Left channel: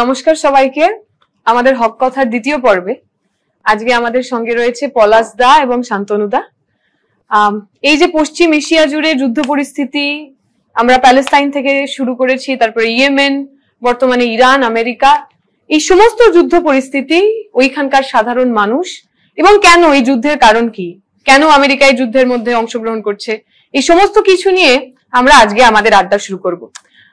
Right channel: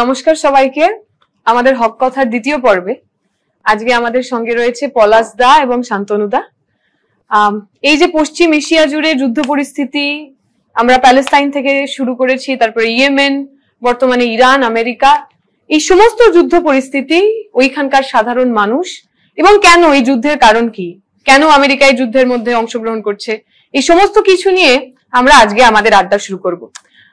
নমস্কার সবাইকে। আমাদের হক কথার দ্বিতীয় পর্বে আজকে আমাদের সঙ্গে রয়েছে পলাশ দা এবং শান্তনু দা। এই যে পশ্চিম এশিয়া জুড়ে যুদ্ধ পরিস্থিতি, আমরা প্যালেস্তাইন থেকে শুরু করেছি, তারপরে ইয়েমেন, বর্তমানে ইরান, আমেরিকা, এই সমস্ত যুদ্ধ পরিস্থিতি, ওইখানকার সাধারণ মানুষ এবং কেন এই যুদ্ধের কারণ কি, কেন আমেরিকা এই যুদ্ধের মধ্যে অংশগ্রহণ করছে, এই সমস্ত কিছু নিয়ে আমরা আজকে আমাদের আড্ডা শুরু করব।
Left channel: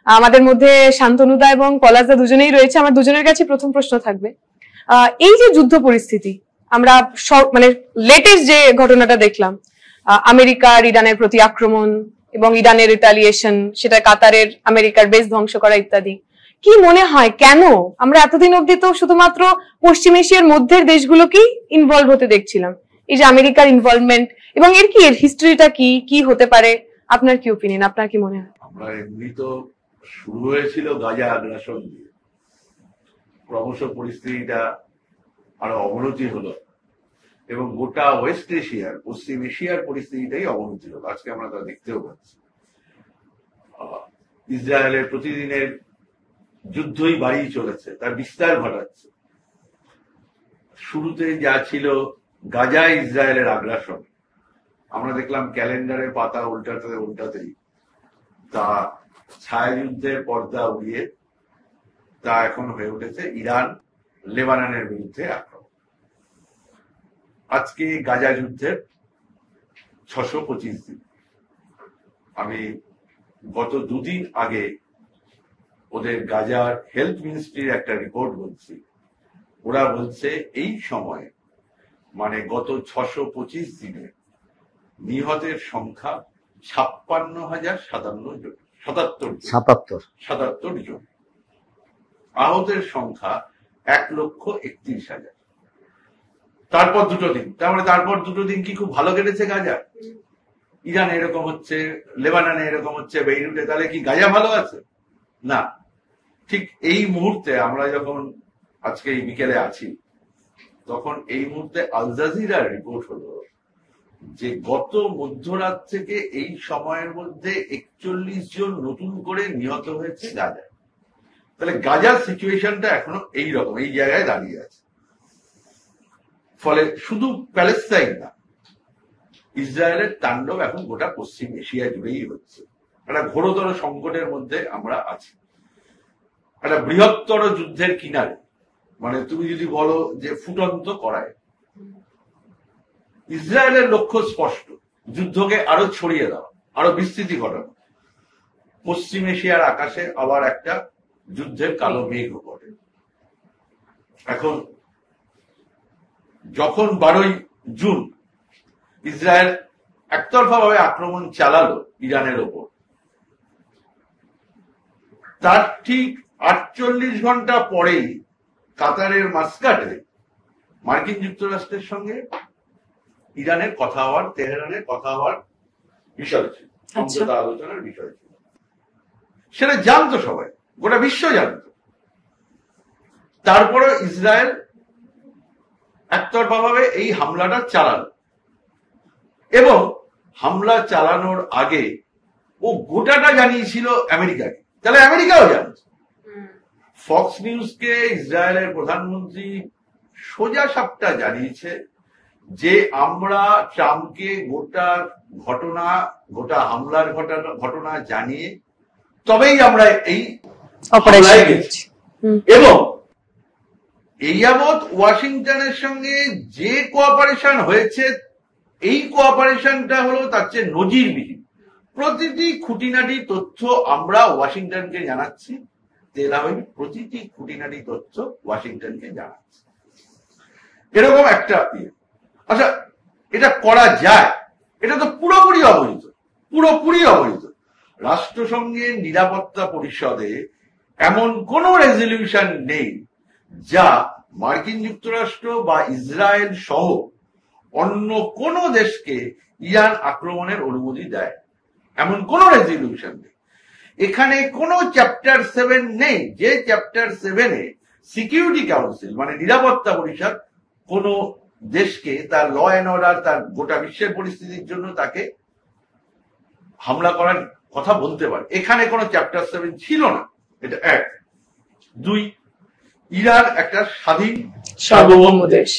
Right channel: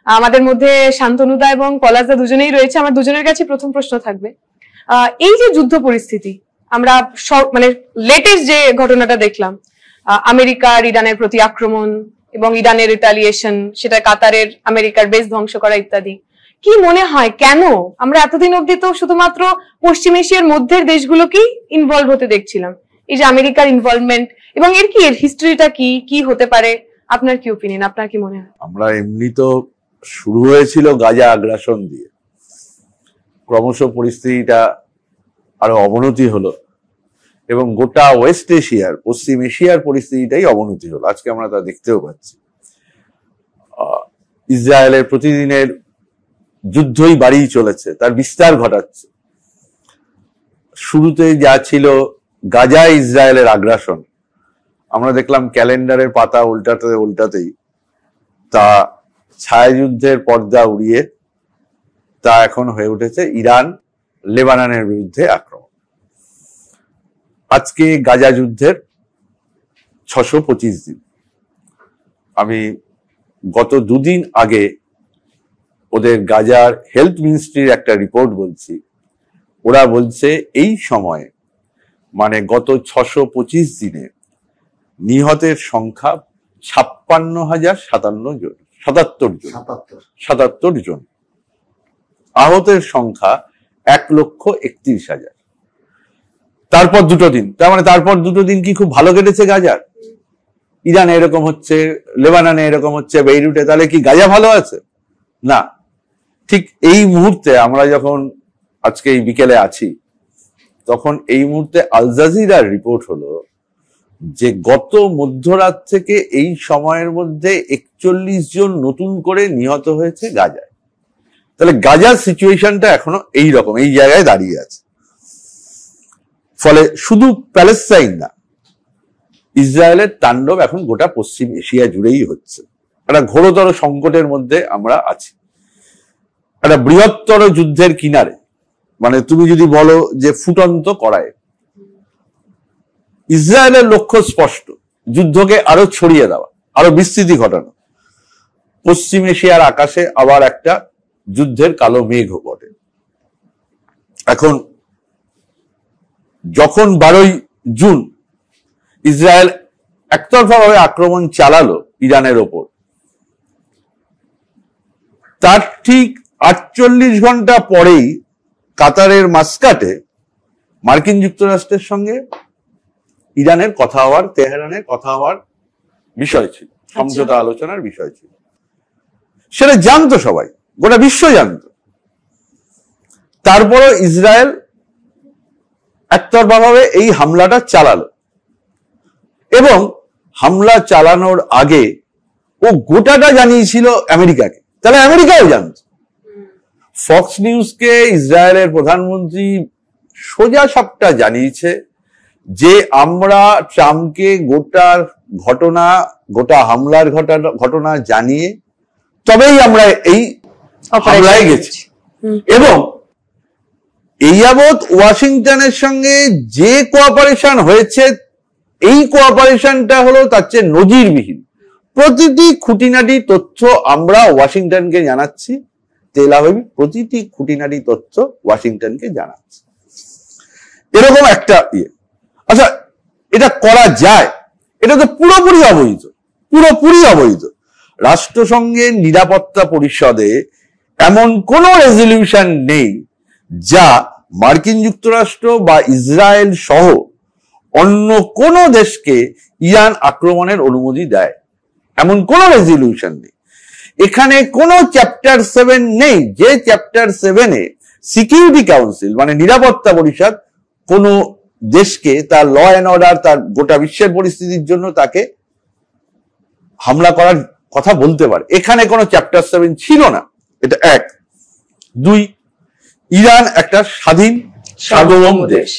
আমাদের মধ্যে শান্তনুদা এবং পলাশদা দুজনেই রয়েছে। আমার দুজনের কাছে প্রথম প্রশ্ন থাকবে, এই যে যুদ্ধ পরিস্থিতি, আমরা মানে লেটেস্ট যে ঘটনাটা দেখলাম, আমেরিকার ইরানের প্রতি আক্রমণ এবং ইরানের রিটালিয়েশন, সেটা কাতারের আমেরিকার বেস ধ্বংস করা ইত্যাদি, কি মনে হয় কেন আমরা এতদিন অব্দি তো শুধুমাত্র পশ্চিম এশিয়ার মধ্যের দেশগুলোকেই ইনভলভ হতে দেখছিলাম, এই যে আমেরিকার ইনভলভমেন্ট এবং এর হিস্ট্রিটা কি হতে পারে? আপনার কি ওপিনিয়ন, আপনার কি মনে হয়? আমরা এমনি তো শুরু হয়েছিল গাজা আগ্রাসন দিয়ে, ক্রমশ পরিস্থিতিটা আরো অবনতি হলো এবং গোটা ওয়েস্ট এশিয়ার, পশ্চিম এশিয়ার পরিস্থিতিটাই অবনতি হলো। আজকে আমরা তা দেখতেও পাচ্ছি। ইসরায়েলের প্রতিদিনের যুদ্ধই বাড়িয়ে চলেছে, তার বিস্তার ঘটাচ্ছে। শুরুতে যা ছিল গাজা ইসরায়েলের আগ্রাসন, আমরা দেখলাম ক্যালেন্ডারের পাতা উল্টাতেই তা ছায়াযুদ্ধের পর্দা উড়িয়ে তা এখন হয়ে উঠেছে ইরান লেবাননের বিরুদ্ধে আক্রমণ। আজকে গাজা যুদ্ধের 625 দিন। আমি গত দুদিন আগে ওদের গাজার হেলথ মিনিস্ট্রির একটা রিপোর্ট বলছি, ওরা বলছে এই সময়ে মানে গত 625 দিনে নিহতের সংখ্যা 57,077 জন, আহতের সংখ্যা 1,31,000। তারপর দুটো দিন, তার মানে তারপর দুটো দিন কি খুব ভালো কেটেছে গাজার? ইরানে এরকম হচ্ছে, লেবাননে এরকম হচ্ছে, বেইরুটে, তাহলে কি গাজা ভালো আছে? না। ঠিক এই মুহূর্তে আমরা যখন আজকে এই বিকেলে আছি, তখন এই মুহূর্তে আল জাজিরার রিপোর্ট হলো যে গত মধ্যরাত থেকে এই সময়ের মধ্যে 41 জন নতুন করে নিহত হয়েছে গাজায়। তাহলে গাজার সিচুয়েশনটা এখনো এই রকম, এই জায়গায় দাঁড়িয়ে আছে। ফলে শুধু প্যালেস্তাইন না, ইসরায়েলের তাণ্ডব এখন গোটা পশ্চিম এশিয়া জুড়েই হচ্ছে। একটা ঘোরতর সংকটের মধ্যে আমরা আছি, একটা বৃহত্তর যুদ্ধের কিনারে। মানে তুমি যদি বলো যে ফুটন্ত কড়াই। ইসরায়েলের লক্ষ্য স্পষ্ট, যুদ্ধকে আরো ছড়িয়ে দেওয়া, আরো বিস্তৃতি ঘটানো। পশ্চিম এশিয়ার আকাশে আবার একটা যুদ্ধের কালো মেঘ ঘটে। এখন যখন 12ই জুন ইসরায়েল একতরফাভাবে আক্রমণ চালালো ইরানের ওপর, তার ঠিক 48 ঘন্টা পরেই কাতারের মাস্কাটে মার্কিন যুক্তরাষ্ট্রের সঙ্গে ইরানের কথা হওয়ার, তেহরানের কথা হওয়ার বিষয় ছিল, সমঝোতা আলোচনার বিষয় ছিল। সেটা জানতো সবাই, গোটা বিশ্ব জানতো। তারপরে ইসরায়েল একতরফাভাবে এই হামলাটা চালালো এবং হামলা চালানোর আগে ও গোটাটা জানিয়েছিল আমেরিকাকে, তাহলে আমেরিকাও জানত। ফক্স নিউজকে ইসরায়েলের প্রধানমন্ত্রী সোজা সবটা জানিয়েছে যে আমরা ট্রাম্পকে গোটা হামলার ঘটনা জানিয়ে তবেই আমরা এই হামলায় গেছি। এবং এই যাবৎ ওয়াশিংটনের সঙ্গে যে কোঅপারেশন হয়েছে, এই কোঅপারেশনটা হলো তার চেয়ে নজিরবিহীন। প্রতিটি খুঁটিনাটি তথ্য আমরা ওয়াশিংটনকে জানাচ্ছি, তেল আবিব প্রতিটি খুঁটিনাটি তথ্য ওয়াশিংটনকে জানাচ্ছে। এরকম একটা আচ্ছা, এটা করা যায়? এটা তো পুরোপুরি অবৈধ। রাষ্ট্রসংঘের নিরাপত্তা পরিষদে এমন কোন রেজলিউশন নেই যা মার্কিন যুক্তরাষ্ট্র বা ইসরায়েল সহ অন্য কোন দেশকে ইরান আক্রমণের অনুমতি দেয়, এমন কোন রেজলিউশন নেই। এখানে কোন চ্যাপ্টার 7 নেই, যে চ্যাপ্টার 7-এ সিকিউরিটি কাউন্সিল মানে নিরাপত্তা পরিষদ কোন দেশকে তার ল অ্যান্ড অর্ডার, তার গোটা বিশ্বের পরিস্থিতির জন্য তাকে হামলা করার কথা বলতে পারে। এখানে কোনো চ্যাপ্টার 7 ছিল না। এটা 1। 2, ইরান একটা স্বাধীন সার্বভৌম দেশ।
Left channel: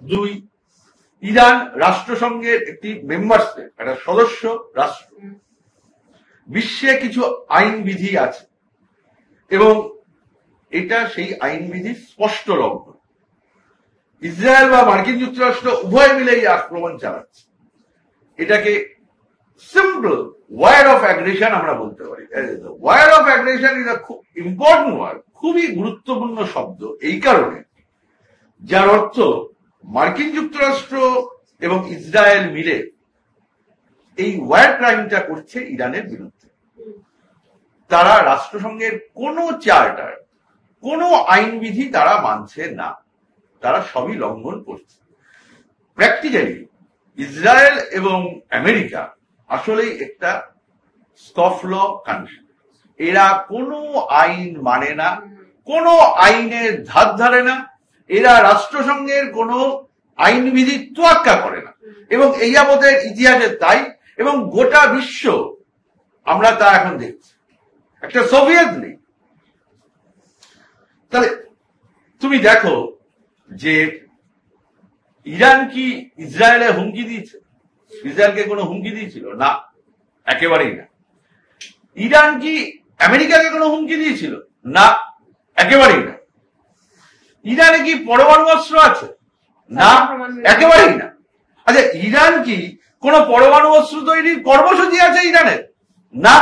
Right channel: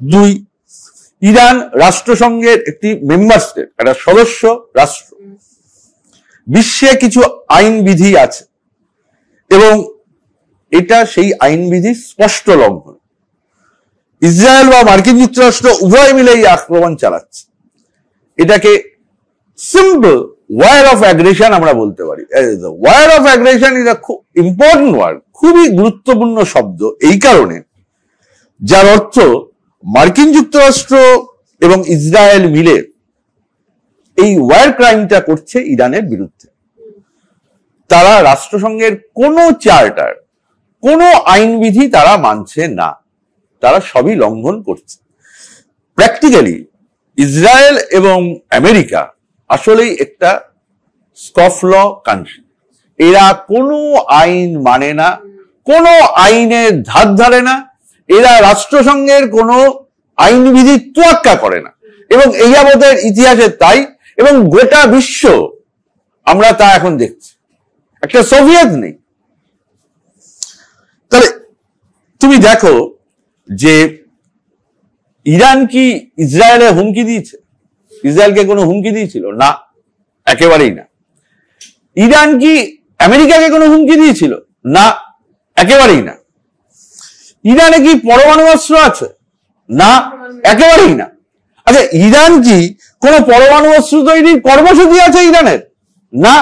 2, ইরান রাষ্ট্রসংঘের একটি মেম্বার স্টেট, একটা সদস্য রাষ্ট্র। বিশ্বে কিছু আইন বিধি আছে এবং এটা সেই আইন বিধি স্পষ্ট লঙ্ঘন। ইসরায়েল বা মার্কিন যুক্তরাষ্ট্র উভয় মিলে এই আক্রমণ চালাচ্ছে। এটাকে সিম্পল ওয়ার অফ অ্যাগ্রেশন আমরা বলতে পারি। War of aggression is a খুব ইম্পর্টেন্ট ওয়ার্ড, খুবই গুরুত্বপূর্ণ শব্দ, এই কারণে যার অর্থ মার্কিন যুক্তরাষ্ট্র এবং ইসরায়েল মিলে এই ওয়ার ক্রাইমটা করছে ইরানের বিরুদ্ধে। তারা রাষ্ট্রসংঘের কোনো চার্টার, কোনো আইনবিধি তারা মানছে না, তারা সবই লঙ্ঘন করছে। প্র্যাকটিক্যালি ইসরায়েল এবং আমেরিকা আসলেই একটা স্কফল কান্ট্রি। এরা কোনো আইন মানে না, কোনো আইনের ধার ধারে না, এরা রাষ্ট্রসংঘের কোনো আইনবিধি তোয়াক্কা করে না, এবং এই যাবতের ইতিহাসে তাই, এবং গোটা বিশ্ব আমরা তা এখন দেখছি। একটা সোভিয়েত নেই। তাহলে তুমি দেখো যে ইরান কি ইসরায়েলে হুমকি দিয়েছে? ইসরায়েলকে কোনো হুমকি দিয়েছিল না, একেবারেই না। ইরান কি আমেরিকাকে কোনো হুমকি দিয়েছিল? না, একেবারেই না। ইরানে কি পরমাণু অস্ত্র আছে? না, একেবারেই না। আচ্ছা, ইরান কি কোন পরমাণু অস্ত্র তৈরির কর্মসূচি আছে ইরানের? না,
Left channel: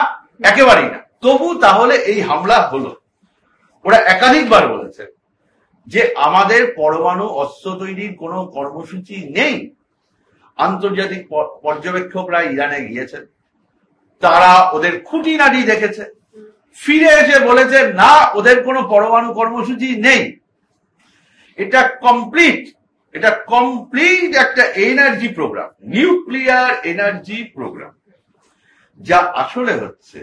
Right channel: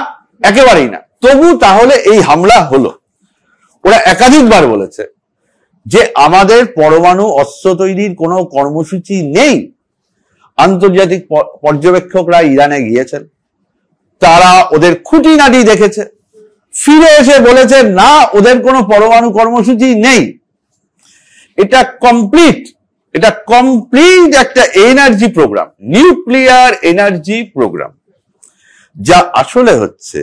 একেবারেই না। তবু তাহলে এই হামলা হলো। ওরা একাধিকবার বলেছে যে আমাদের পরমাণু অস্ত্র তৈরির কোনো কর্মসূচি নেই। আন্তর্জাতিক পর্যবেক্ষকরা ইরানে গিয়েছেন, তারা ওদের খুঁটিনাটি দেখেছে, ফিরে এসে বলেছে না, ওদের কোনো পরমাণু কর্মসূচি নেই। এটা কমপ্লিট একটা energy programme, nuclear energy programme, যা আসলে হচ্ছে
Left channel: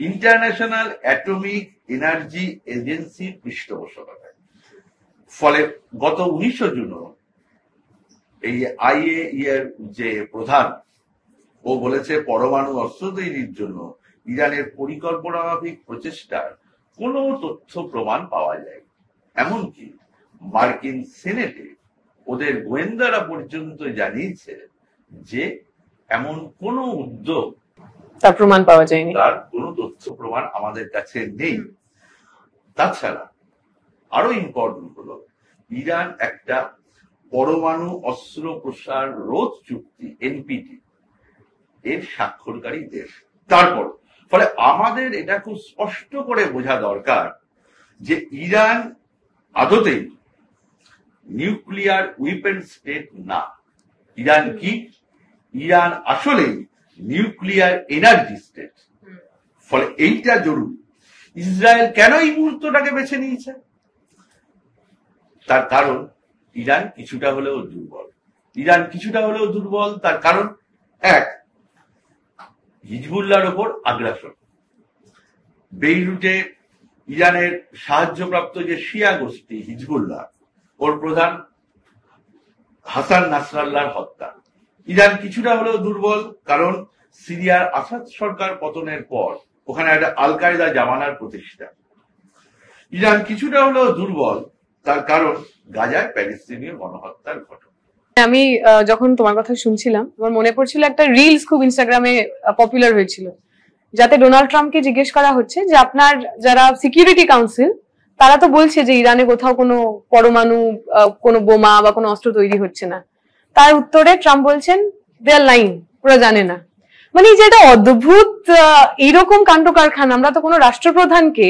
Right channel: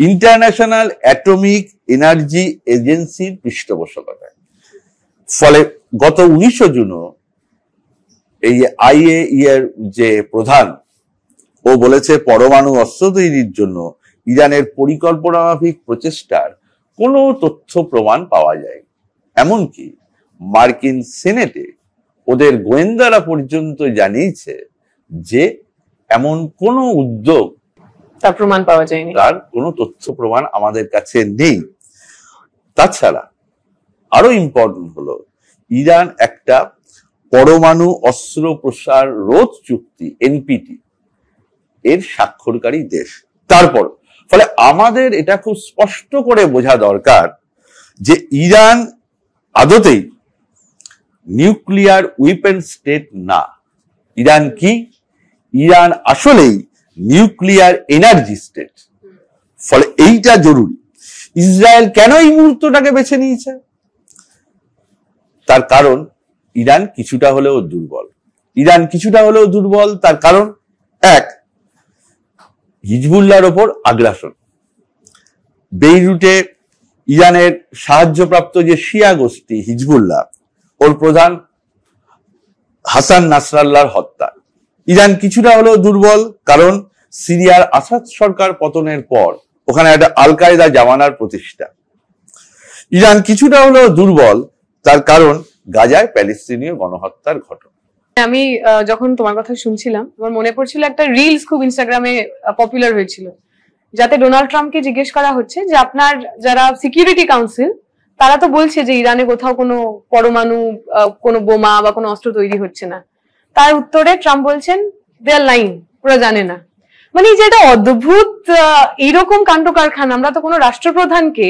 ইন্টারন্যাশনাল অ্যাটমিক এনার্জি এজেন্সির পৃষ্ঠপোষকতায়। ফলে গত 19 জুন এই IAEA এর যে প্রধান, ও বলেছে পরমাণু অস্ত্র তৈরির জন্য ইরানের পরিকল্পনা মাফিক প্রচেষ্টার কোনো তথ্য প্রমাণ পাওয়া যায়। এমনকি মার্কিন সিনেটে ওদের গোয়েন্দারা পর্যন্ত জানিয়েছে যে এমন কোনো উদ্যোগ, তার প্রমাণ পাওয়া যায়নি, তার কোনো তথ্য প্রমাণ আমাদের কাছে নেই। তাছাড়া আরো ইম্পর্টেন্ট হলো, ইরান একটা পরমাণু অস্ত্র প্রসার রোধ চুক্তি NPT এর স্বাক্ষরকারী দেশ। তারপর ফলে আমাদের এটা খুব স্পষ্ট করে বোঝা দরকার যে ইরান আদতেই নিউক্লিয়ার উইপেন স্টেট না। ইরান কি? ইরান আসলেই নিউক্লিয়ার এনার্জি স্টেট। ফলে এইটা জরুরি। ইসরায়েল কেন এই মুহূর্তটাকে বেছে নিয়েছে? তার কারণ ইরান কিছুটা হলেও দুর্বল। তার কারণ, এক, হিজবুল্লাহর ওপর আগ্রাসন। বেইরুটে ইরানের সাহায্যপ্রাপ্ত যে শিয়া গোষ্ঠী হিজবুল্লাহ, ওর প্রধান হাসান নাসরাল্লাহর হত্যা। ইরান কিছুটা হলেও দুর্বল কারণ সিরিয়ার আসাদ সরকার পতনের পর ওখানে একটা আল কায়দা জামানার প্রতিষ্ঠা। ইরান কিছুটা হলেও দুর্বল তার কারণ গাজায় প্যালেস্তিনীয় গণহত্যার ঘটনা। আমি যখন তোমার কথা শুনছিলাম, আমার মনে পড়ছিল একটা রিলস খুব ইনস্টাগ্রামে পপুলার হয়েছিল, যাতে ডোনাল্ড ট্রাম্পকে জিজ্ঞেস করা হচ্ছে যে আপনার যারা সিকিউরিটি কাউন্সিল, তারা তো বলছে যে ইরানে কোথাও কোনো পরমাণু কোনো বোমা বা কোনো অস্ত্র তৈরি হচ্ছে না। তার উত্তরে ট্রাম্প বলছেন দে আর লাইং, ওরা জানে না। মানে যেটা অদ্ভুত এইরকম কাণ্ড কারখানা, আমরা তো কোনো রাষ্ট্রপ্রধানকে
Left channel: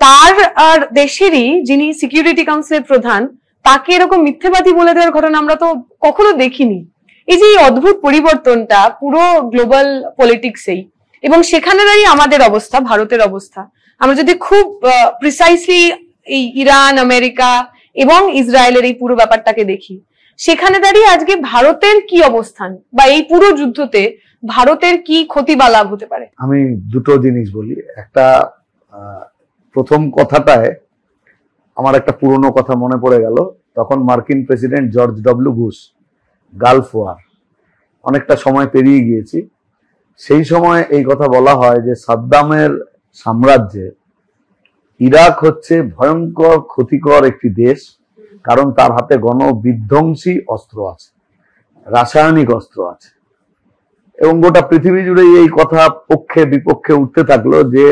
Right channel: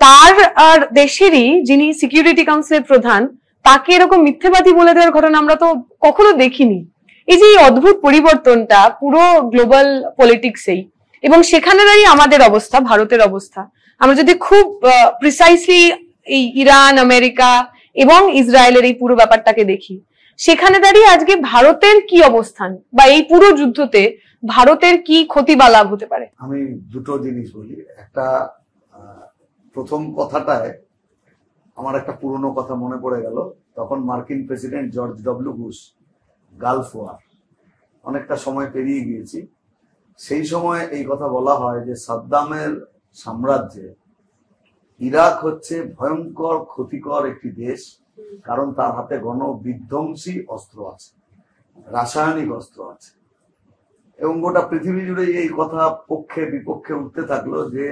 তার আর দেশেরই যিনি সিকিউরিটি কাউন্সিলের প্রধান, তাকে এরকম মিথ্যেবাদী বলে দেওয়ার ঘটনা আমরা তো কখনো দেখিনি। এই যে অদ্ভুত পরিবর্তনটা পুরো গ্লোবাল পলিটিক্সেই, এবং সেখানে দাঁড়িয়ে আমাদের অবস্থা, ভারতের অবস্থা, আমরা যদি খুব প্রিসাইসলি এই ইরান, আমেরিকা এবং ইসরায়েলের এই পুরো ব্যাপারটাকে দেখি, সেখানে দাঁড়িয়ে আজকে ভারতের কি অবস্থান বা এই পুরো যুদ্ধতে ভারতের কি ক্ষতি বা লাভ হতে পারে? আমি দুটো জিনিস বলি। একটা, প্রথম কথাটায় আমার একটা পুরনো কথা মনে পড়ে গেল। তখন মার্কিন president George W Bush, Gulf war, অনেকটা সময় পেরিয়ে গিয়েছি, সেই সময় এই কথা বলা হয় যে সাদ্দামের সাম্রাজ্যে ইরাক হচ্ছে ভয়ঙ্কর ক্ষতিকর একটি দেশ, কারণ তার হাতে গণবিধ্বংসী অস্ত্র আছে, রাসায়নিক অস্ত্র আছে, এবং গোটা পৃথিবী জুড়ে এই কথা পক্ষে বিপক্ষে উঠতে থাকলো যে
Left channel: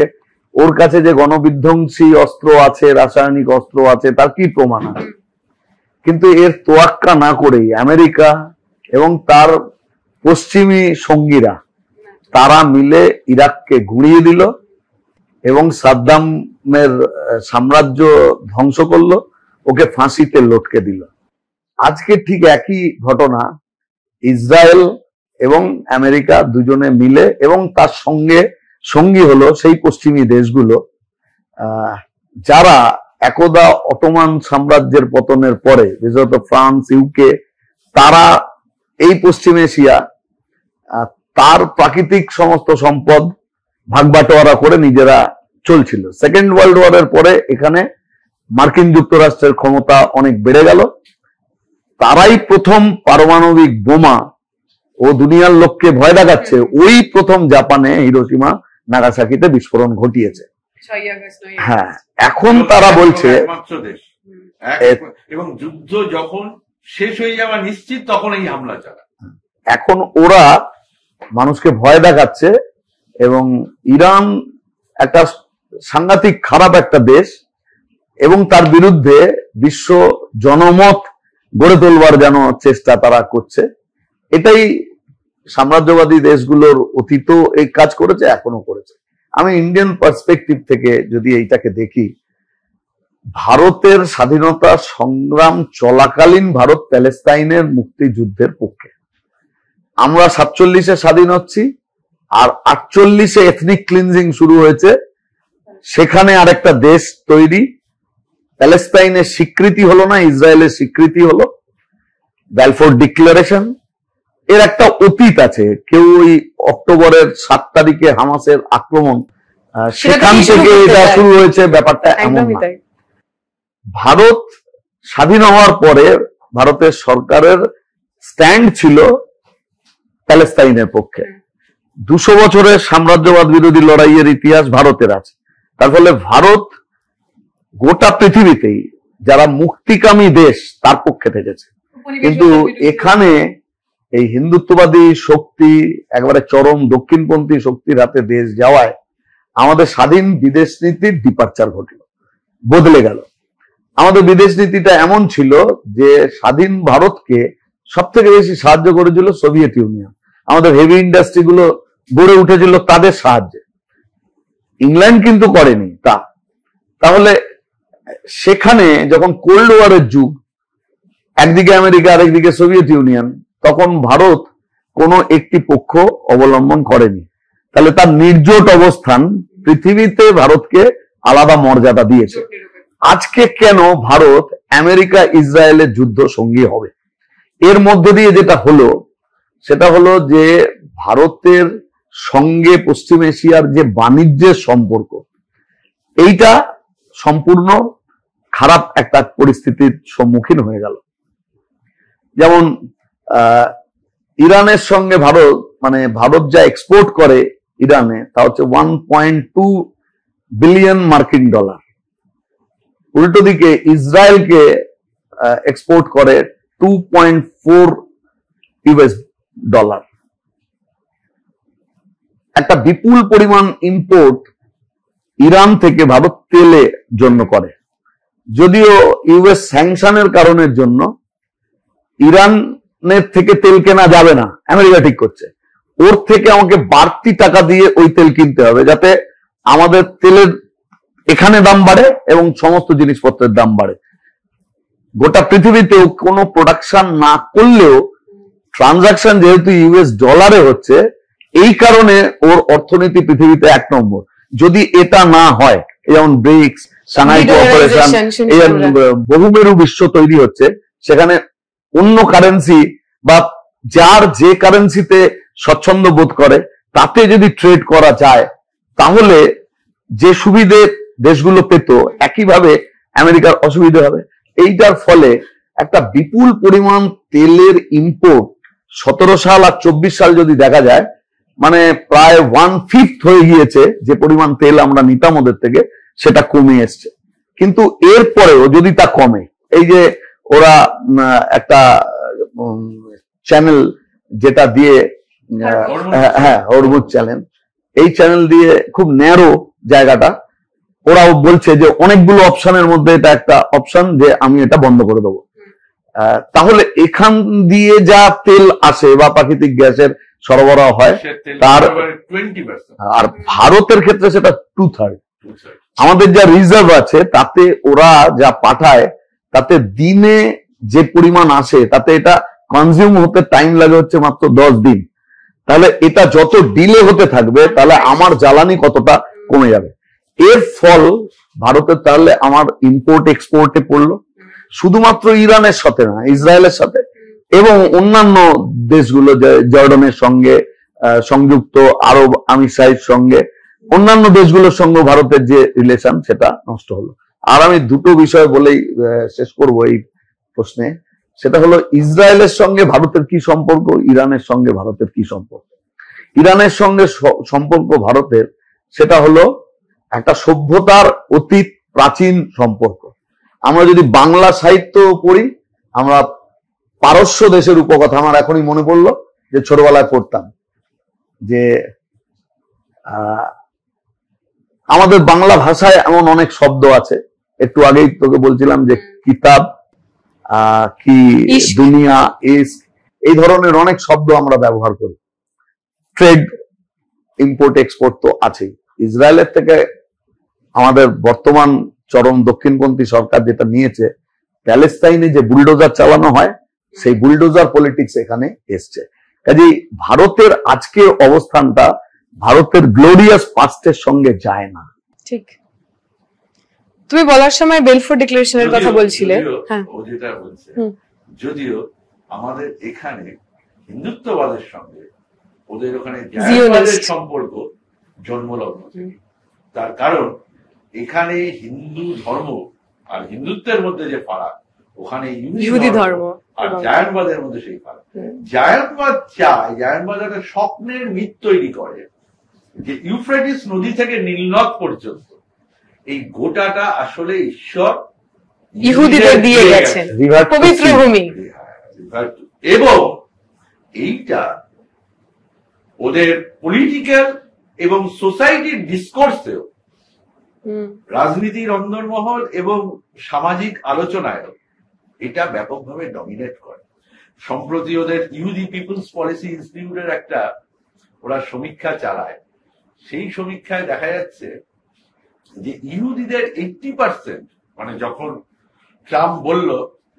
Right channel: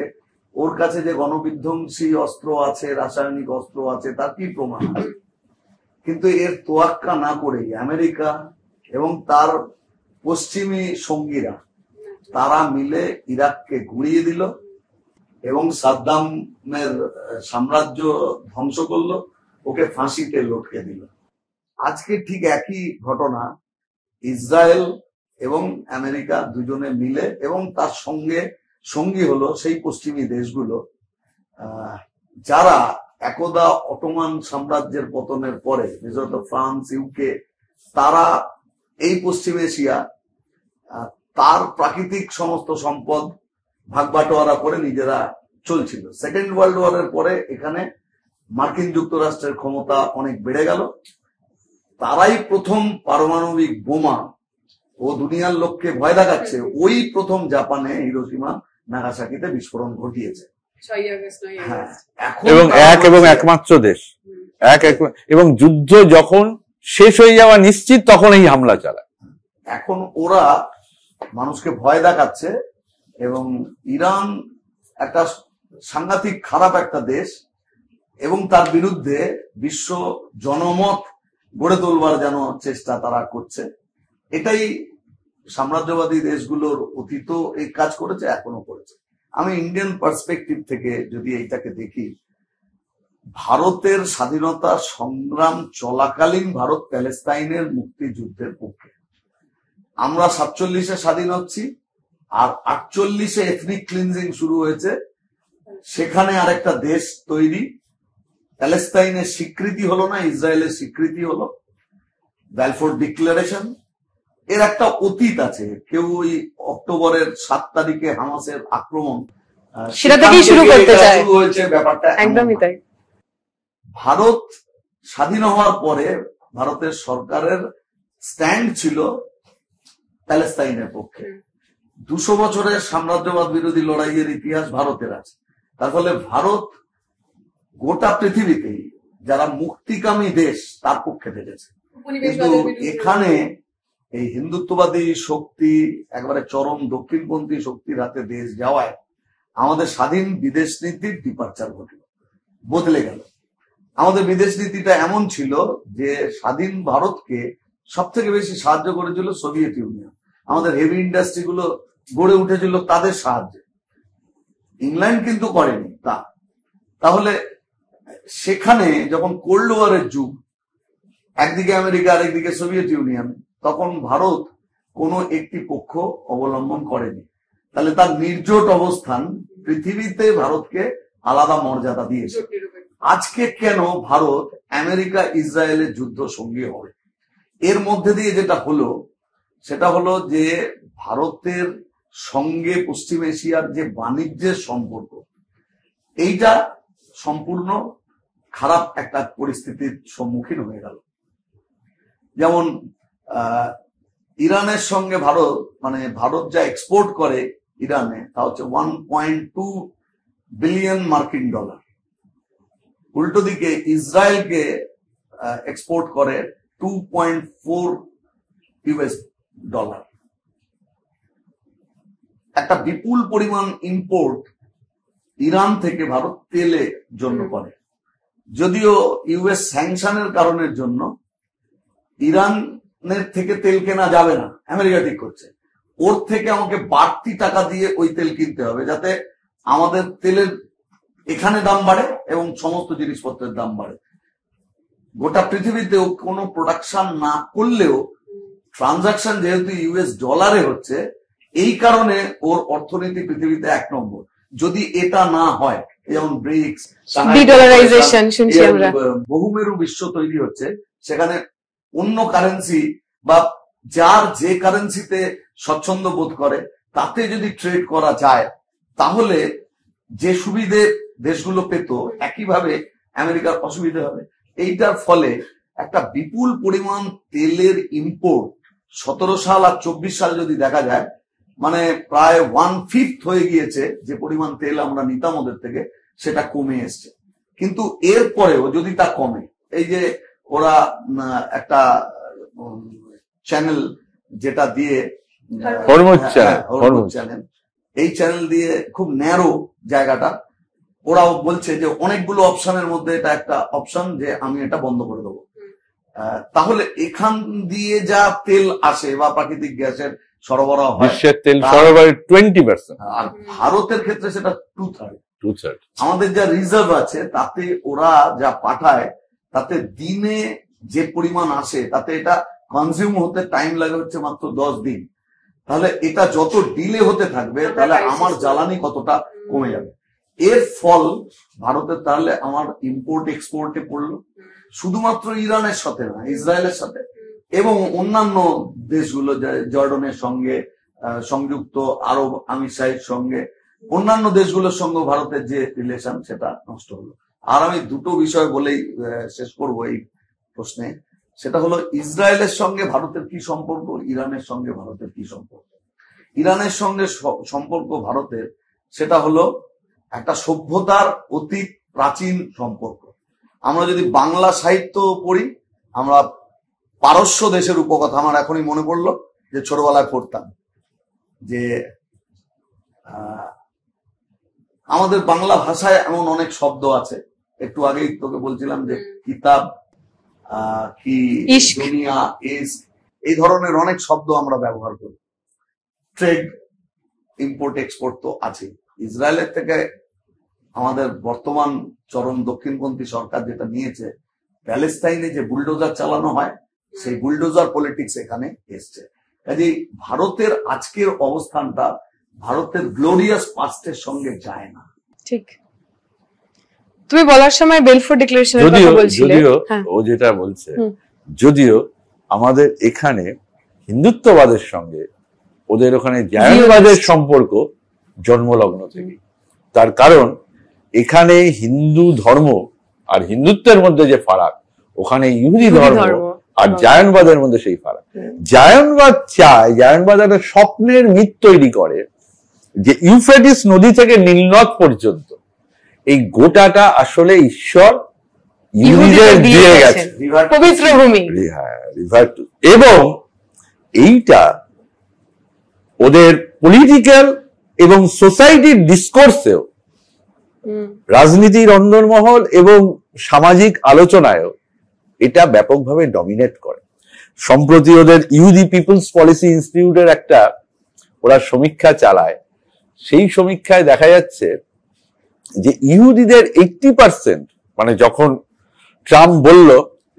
ওর কাছে যে গণবিধ্বংসী অস্ত্র আছে, রাসায়নিক অস্ত্র আছে, তার কি প্রমাণ আছে? কিন্তু এর তোয়াক্কা না করেই আমেরিকা এবং তার পশ্চিমী সঙ্গীরা তারা মিলে ইরাককে গুঁড়িয়ে দিল এবং সাদ্দামের সাম্রাজ্য ধ্বংস করলো, ওকে ফাঁসিতে লটকে দিল। আজকে ঠিক একই ঘটনা ইসরায়েল এবং আমেরিকা দুজনে মিলে, এবং তার সঙ্গে সঙ্গী হলো সেই পশ্চিমী দেশগুলো যারা একদা অটোমান সাম্রাজ্যের পতনের পরে, বিশেষত ফ্রান্স, ইউকে, তারা এই পশ্চিম এশিয়া তার প্রাকৃতিক সমস্ত সম্পদ ভাগবাটোয়ারা করে নিজেরা চলছিল। সেকেন্ড ওয়ার্ল্ড ওয়ারের পরে এখানে মার্কিন যুক্তরাষ্ট্রের ক্ষমতা অনেক বেড়ে গেল। তারাই প্রথম পারমাণবিক বোমা ও দুনিয়ার লোককে ভয় দেখাচ্ছে, ওই প্রথম জাপানে হিরোশিমা নাগাসাকিতে বিস্ফোরণ ঘটিয়েছে। হ্যাঁ, এখন তারা একমাত্র দেশ এবং যুদ্ধ যখন শেষ হয়ে যাওয়া নিশ্চিত তখন এই হামলা চালায়। এখন ওরা মানুষকে ভয় দেখাচ্ছে, এবং ইরান একটা সাংঘাতিক খারাপ একটা দেশ, এবং তার বিরুদ্ধে বিশ্ব জনমত গড়ে তোলবার যেন চেষ্টা তারা করছে। এটাই সাম্রাজ্যবাদী দেশগুলোর অতীতও এই কাজ করেছে, এখনো করেছে। আমি ইন্ডিয়ান পার্সপেক্টিভ থেকে যদি এইটাকে দেখি, ভারতের স্বাধীনতা সংগ্রাম চলাকালীন ভারত প্যালেস্তাইনের মুক্তিযুদ্ধের পক্ষে। আমরা 47-এ স্বাধীন হচ্ছি, আর 48-এ এথনিক ক্লিনজিং শুরু হয়েছে, সেখানে আরেকটা দেশ তৈরি, প্যালেস্তাইনের স্বীকৃতি হলো না, ইসরায়েলের স্বীকৃতি হলো, ব্যালফোর ডিক্লারেশন। এর একটা অতীত আছে। কেউ ওই অক্টোবরের 7 তারিখে হামাসের আক্রমণ শুরু হয়েছে, ব্যাপারটা একদমই তাই। ভারত স্বাধীন হওয়ার পরে ভারতের সরকারের স্ট্যান্ড ছিল প্যালেস্তাইনের পক্ষে। 200 বছরের সাম্রাজ্যবাদ বিরোধী লড়াইয়ের ইতিহাস ভারতের আছে। তার ফলে ভারত গোটা পৃথিবীতেই যারা মুক্তিকামী দেশ তার পক্ষে থেকেছে। কিন্তু এখানে এই হিন্দুত্ববাদী শক্তি, একেবারে চরম দক্ষিণপন্থী শক্তির হাতে দেশ যাওয়ায় আমাদের স্বাধীন বিদেশ নীতির ডিপারচার ঘটল, বদলে গেল। আমাদের বিদেশ নীতিটা এমন ছিল যে স্বাধীন ভারতকে সব থেকে বেশি সাহায্য করেছিল সোভিয়েত ইউনিয়ন। আমাদের হেভি ইন্ডাস্ট্রি গুলো গড়ে উঠেছিল তাদের সাহায্যে, ইংল্যান্ড কিন্তু করেনি তা। তাহলে সেখানে যখন কোল্ড ওয়ারের যুগ, একদিকে আমেরিকা আরেকদিকে সোভিয়েত ইউনিয়ন, তখন ভারত কোনো একটি পক্ষ অবলম্বন করেনি। তাহলে তার নির্জোট অবস্থান পৃথিবীতে ভারতকে আলাদা মর্যাদা দিয়েছে। আজকে কেন ভারত আমেরিকা ইসরায়েলের যুদ্ধ সঙ্গী হবে? এর মধ্যে দিয়ে যেটা হলো সেটা হলো যে ভারতের সঙ্গে পশ্চিম এশিয়ার যে বাণিজ্যের সম্পর্ক, এইটা সম্পূর্ণ খারাপ একটা পরিস্থিতির সম্মুখীন হয়ে গেল। যেমন ইরানের সঙ্গে ভারত যা এক্সপোর্ট করে ইরানে, তা হচ্ছে 1.2 বিলিয়ন মার্কিন ডলার। উল্টো দিকে ইসরায়েলকে এক্সপোর্ট করে 2.4 ইউএস ডলার। একটা বিপুল পরিমাণ ইম্পোর্ট ইরান থেকে ভারত তেলের জন্য করে। যদিও ইউএস স্যাংশনের কারণের জন্য ইরানের থেকে তেল কেনা যাবে না, আমেরিকা ঠিক করছে ওর থেকে আমাকে বাড়তি টাকা দিয়ে ওই তেল কিনতে হবে, যাতে আমাদের তেলের এখানে দাম বাড়ে এবং সমস্ত জিনিসপত্রের দাম বাড়ে। গোটা পৃথিবীতেও কোনো প্রোডাকশন না করলেও ট্রানজাকশন যেহেতু ইউএস ডলারে হচ্ছে, এই কারণে ওর অর্থনীতি পৃথিবীতে 1 নম্বর। যদি এটা না হয়, যেমন ব্রিক্স, বহুমেরু বিশ্ব তৈরি হচ্ছে, সেখানে অন্য কারেন্সি বা যার যে কারেন্সিতে স্বচ্ছন্দ বোধ করে তাতে যদি ট্রেড করা যায়, তাহলে যে সুবিধে দেশগুলো পেত একইভাবে আমেরিকার অসুবিধা হবে। এইটার ফলে একটা বিপুল পরিমাণ তেলের ইম্পোর্ট 17 সাল আর 24 সাল যদি দেখা যায়, মানে প্রায় 1/5 হয়ে গিয়েছে যে পরিমাণ তেল আমরা নিতাম ওদের থেকে, সেটা কমে এসছে। কিন্তু এরপরেও যদি তা কমে, এই যে ওরা একটা চ্যানেল যেটা দিয়ে হরমুজ চ্যানেল, এই চ্যানেল দিয়ে খুব ন্যারো জায়গাটা, ওরাও বলছে যে অনেকগুলো অপশনের মধ্যে এটা একটা অপশন যে আমি এটা বন্ধ করে দেবো। তাহলে এখান দিয়ে যা তেল আসে বা প্রাকৃতিক গ্যাসের সরবরাহ হয় তার 20%, আর ভারতের ক্ষেত্রে সেটা 2/3। আমাদের যা রিজার্ভ আছে তাতে ওরা যা পাঠায় তাতে দিনে যে পরিমাণ আসে তাতে এটা কনজিউম হতে টাইম লাগে হচ্ছে মাত্র 10 দিন। তাহলে এটা যত ডিলে হতে থাকবে তাহলে আমার জ্বালানি কতটা কমে যাবে। এর ফল ভারতের তাহলে আমার ইম্পোর্ট এক্সপোর্টে পড়লো, শুধুমাত্র ইরানের সাথে না, ইসরায়েলের সাথে এবং অন্যান্য দেশগুলো, জর্ডানের সঙ্গে, সংযুক্ত আরব আমিরাতের সঙ্গে, অন্যান্য দেশগুলোর সঙ্গে ভারতের যে রিলেশন সেটা নষ্ট হলো। আর আমি দুটো বিষয় বলেই শেষ করব এই প্রশ্নে, সেটা হলো ইসরায়েলের সঙ্গে ভারতের কি সম্পর্ক, ইরানের সঙ্গে ভারতের কি সম্পর্ক। ইরানের সঙ্গে সম্পর্ক ভারতের সেটা হলো একটা সভ্যতার অতীত প্রাচীন সম্পর্ক। আমরা যদি বাংলা সাহিত্য পড়ি, আমরা পারস্য দেশের উপকথা, আমার এখনই মনে পড়লো যে ছোটবেলায় পড়তাম যে আমাদের বাংলা ভাষায় এমন অনেক শব্দ আছে, একটু আগেই তোকে বলছিলাম যে কিতাব, কি দুনিয়া, এই ধরনের অনেক শব্দ আমরা ব্যবহার করি। ট্রেড, ইম্পোর্ট এক্সপোর্ট তো আছে। ইসরায়েলের থেকে আমাদের বর্তমান চরম দক্ষিণপন্থী সরকার যেটা নিয়েছে, প্যালেস্তাইনে যে বুলডোজার চালানো হয় সেই বুলডোজার পলিটিক্স এখানে এসছে। কাজেই ভারতের আজকের অবস্থানটা ভারতের গ্লোরিয়াস পাস্টের সঙ্গে যায় না। ঠিক। তুমি বলার সময় বেলফোর ডিক্লারেশনের কথা বলছিলে, ও যেটা বলছে, যদিও আমাদের এখানে হিন্দুত্ববাদের সঙ্গে ওদের ওখানে জায়নবাদের সম্পর্ক জন্মলগ্ন থেকে। তার কারণ এখানে হিন্দু ধর্ম আর হিন্দুত্বের মধ্যে যে ফারাক, ওখানে ইহুদি ধর্ম আর জায়নবাদের মধ্যে সেই ফারাক। জায়নবাদ চায়, জায়নবাদ একটা স্বপ্নের মিথ তৈরি করে যে ইউফ্রেটিস নদী থেকে নীলনদ পর্যন্ত এই গোটাটা আসলে ঈশ্বর ইহুদিদের দিয়ে গেছেন, পবিত্র ভূমি। এবং এইটা ওদের পলিটিক্যাল এবং সোসাইটির ডিসকোর্সেও, রাজনীতির অন্দরমহল এবং সামাজিক আলোচনায়ও এটা ব্যাপকভাবে ডমিনেট করে। সম্প্রতি ওদের ইহুদি পিপলস পলিসি ইনস্টিটিউটের একটা ওরা সমীক্ষা চালায়, সেই সমীক্ষায় দেখা যাচ্ছে যে ইহুদিদের 80%, মানে যখন ট্রাম্প বলল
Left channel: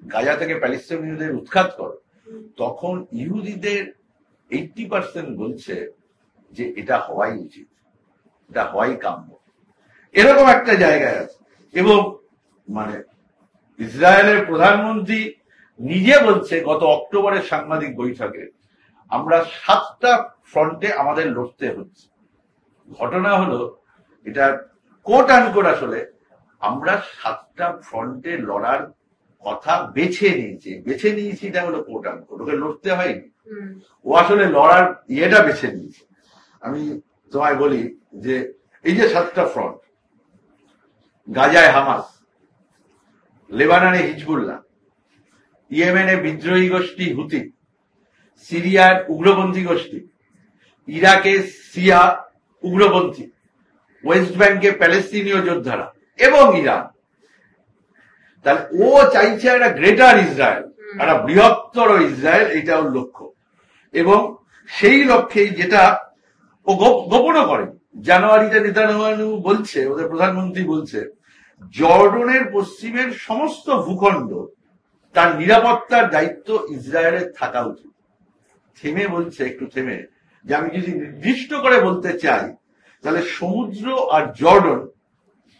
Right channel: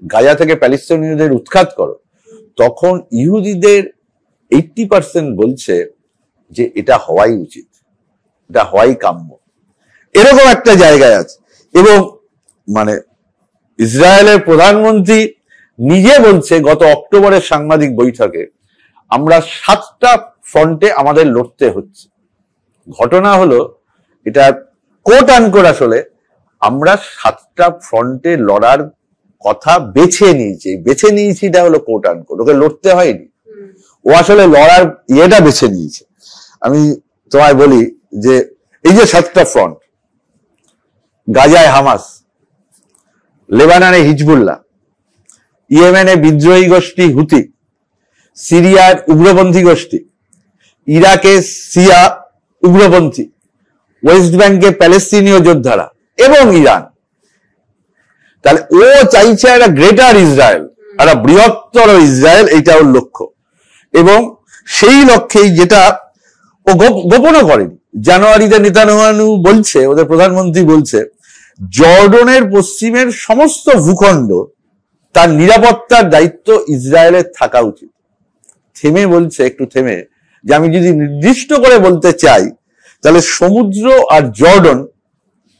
গাজা থেকে প্যালেস্তানীয়দের উৎখাত করো, তখন ইহুদিদের 80% বলছে যে এটা হওয়াই উচিত, এটা হওয়াই কাম্য। এরকম একটা জায়গায় আছে। এবং মানে ইসরায়েলের প্রধানমন্ত্রী নিজে বলছে গত অক্টোবরের সাংবাদিক বৈঠকে, আমরা 7টা ফ্রন্টে আমাদের লড়তে হচ্ছে। ঘটনা হলো এটা কোট আনকোট, আসলে আমরা 7টা ফ্রন্টে লড়ার কথা বেছে নিয়েছি, এটা হলো কোট আনকোট, ওকে লড়তে হয়নি, ও আসলে লড়ার ইয়েটা বেছে নিয়েছে। আমি তোমায় বলি যে এই যে 7টা ফ্রন্ট, গাজায় হামাস, লেবাননে হিজবুল্লাহ, ইয়েমেনে বিদ্রোহী গোষ্ঠী হুতি, সিরিয়ার উগ্রপন্থী গোষ্ঠী, ইরাকে শিয়া উগ্রপন্থী, ওয়েস্ট ব্যাংকে প্যালেস্তিনীয় যোদ্ধারা এবং ইরান। তাহলে ও চাইছে একটা গ্রেটার ইসরায়েল, একটা বৃহত্তর ইসরায়েল, এইটা ওর লক্ষ্য। এবং সেই লক্ষ্যেই যেটা ও গোপনও করেনি, জানুয়ারিতে নেতানিয়াহু বলছে, ওদের প্রধানমন্ত্রী বলছে, জর্ডনের পশ্চিমের সমস্ত ভূখণ্ড তার নিরাপত্তার দায়িত্ব ইসরায়েলের থাকা উচিত। থেমে বলছে, একটু থেমে, যে আমি যদি নির্দিষ্ট করে বলতে চাই তাহলে সমুদ্র আর জর্ডন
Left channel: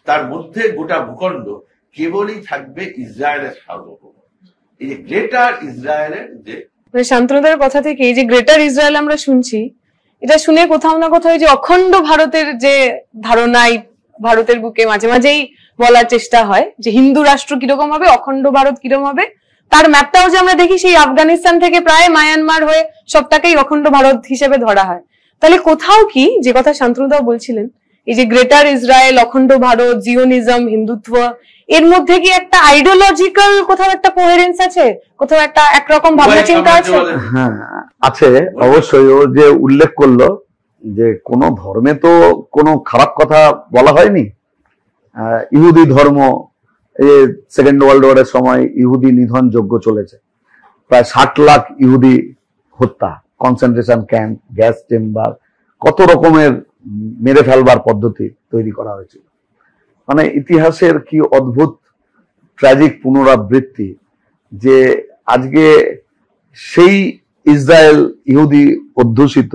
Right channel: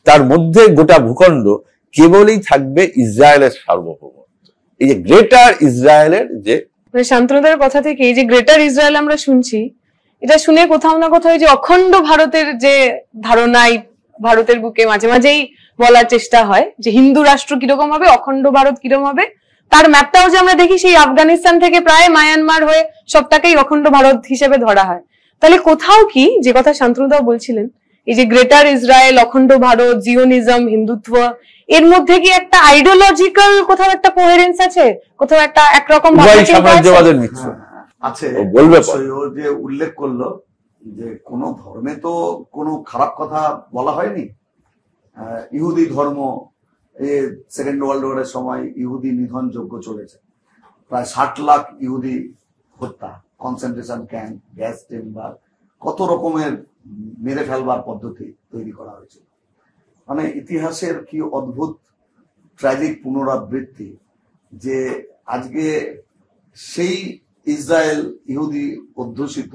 তার মধ্যে গোটা ভূখণ্ড কেবলই থাকবে ইসরায়েলের সার্বভৌম। এই যে গ্রেটার ইসরায়েলের যে শান্তনুদার কথা থেকে এই যে গ্রেটার ইসরায়েল আমরা শুনছি, এটা শুনে কোথাও না কোথাও যে অখণ্ড ভারতের যে ধারণাই ভারতের বুকে মাঝে মাঝেই বলার চেষ্টা হয় যে হিন্দু রাষ্ট্র কিরকম হবে, অখণ্ড ভারত কিরকম হবে, তার ম্যাপটাও যে আমরা দেখি সেই আফগানিস্তান থেকে প্রায় মায়ানমার হয়ে সবটাকেই অখণ্ড ভারত হিসেবে ধরা হয়। তাহলে কোথাও কি, যে কথা শান্তনুদাও বলছিলেন, এই যে গ্রেটার ইসরায়েল, অখণ্ড ভারত, জিওনিজম, হিন্দুত্ব, এর মধ্যে কি একটা আইডিওলজিক্যাল কোথাও একটা কোহেরেন্স আছে, কোথাও একটা একরকম ভাবনা চিন্তা আছে? হ্যাঁ আছে, অবশ্যই। ও যে উল্লেখ করলো যে কোন ধর্মে তো কোনো খারাপ কথা বলা হয়নি। ইহুদি ধর্ম, সেকেন্ড ওয়ার্ল্ড ওয়ারের সময় ইহুদি নিধন যজ্ঞ চলেছে, প্রায় 60 লাখ ইহুদি হত্যা, কনসেন্ট্রেশন ক্যাম্প, গ্যাস চেম্বার, কত রকমের মেরে ফেলবার পদ্ধতি তৈরি করা হয়েছিল। মানে ইতিহাসের কি অদ্ভুত ট্র্যাজিক পুনরাবৃত্তি যে আজকে সেই ইসরায়েল ইহুদি অধ্যুষিত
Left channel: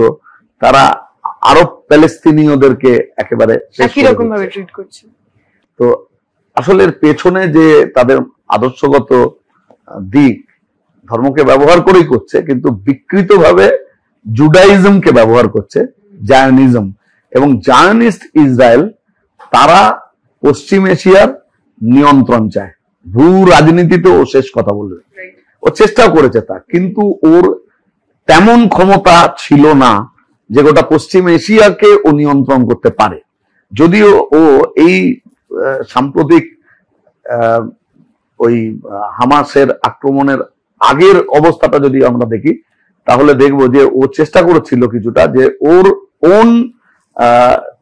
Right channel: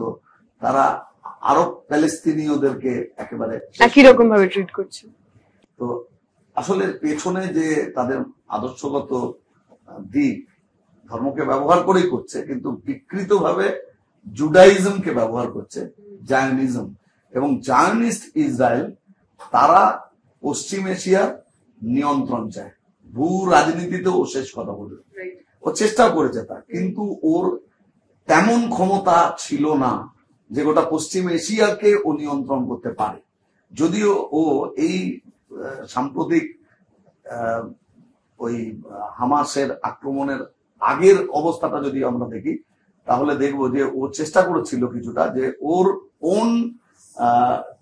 তারা আরব প্যালেস্তিনীয়দেরকে একেবারে একই রকম ভাবে ট্রিট করছে। তো আসলে এর পেছনে যে তাদের আদর্শগত দিক ধর্মকে ব্যবহার করেই করছে, কিন্তু বিকৃতভাবে জুডাইজমকে ব্যবহার করছে, জায়নিজম এবং জায়নিস্ট ইসরায়েল। তারা পশ্চিম এশিয়ার নিয়ন্ত্রণ চায়, ভূ রাজনীতিতে ও শেষ কথা বলবে, ও চেষ্টাও করেছে তা, কিন্তু ওর তেমন ক্ষমতা ছিল না যে গোটা পশ্চিম এশিয়াকে ও নিয়ন্ত্রণ করতে পারে। যদিও ও এই সাম্প্রতিক ওই হামাসের আক্রমণের আগের অবস্থাটা যদি আমরা দেখি তাহলে দেখবো যে ও চেষ্টা করেছিল কিছুটা যে ওর ওন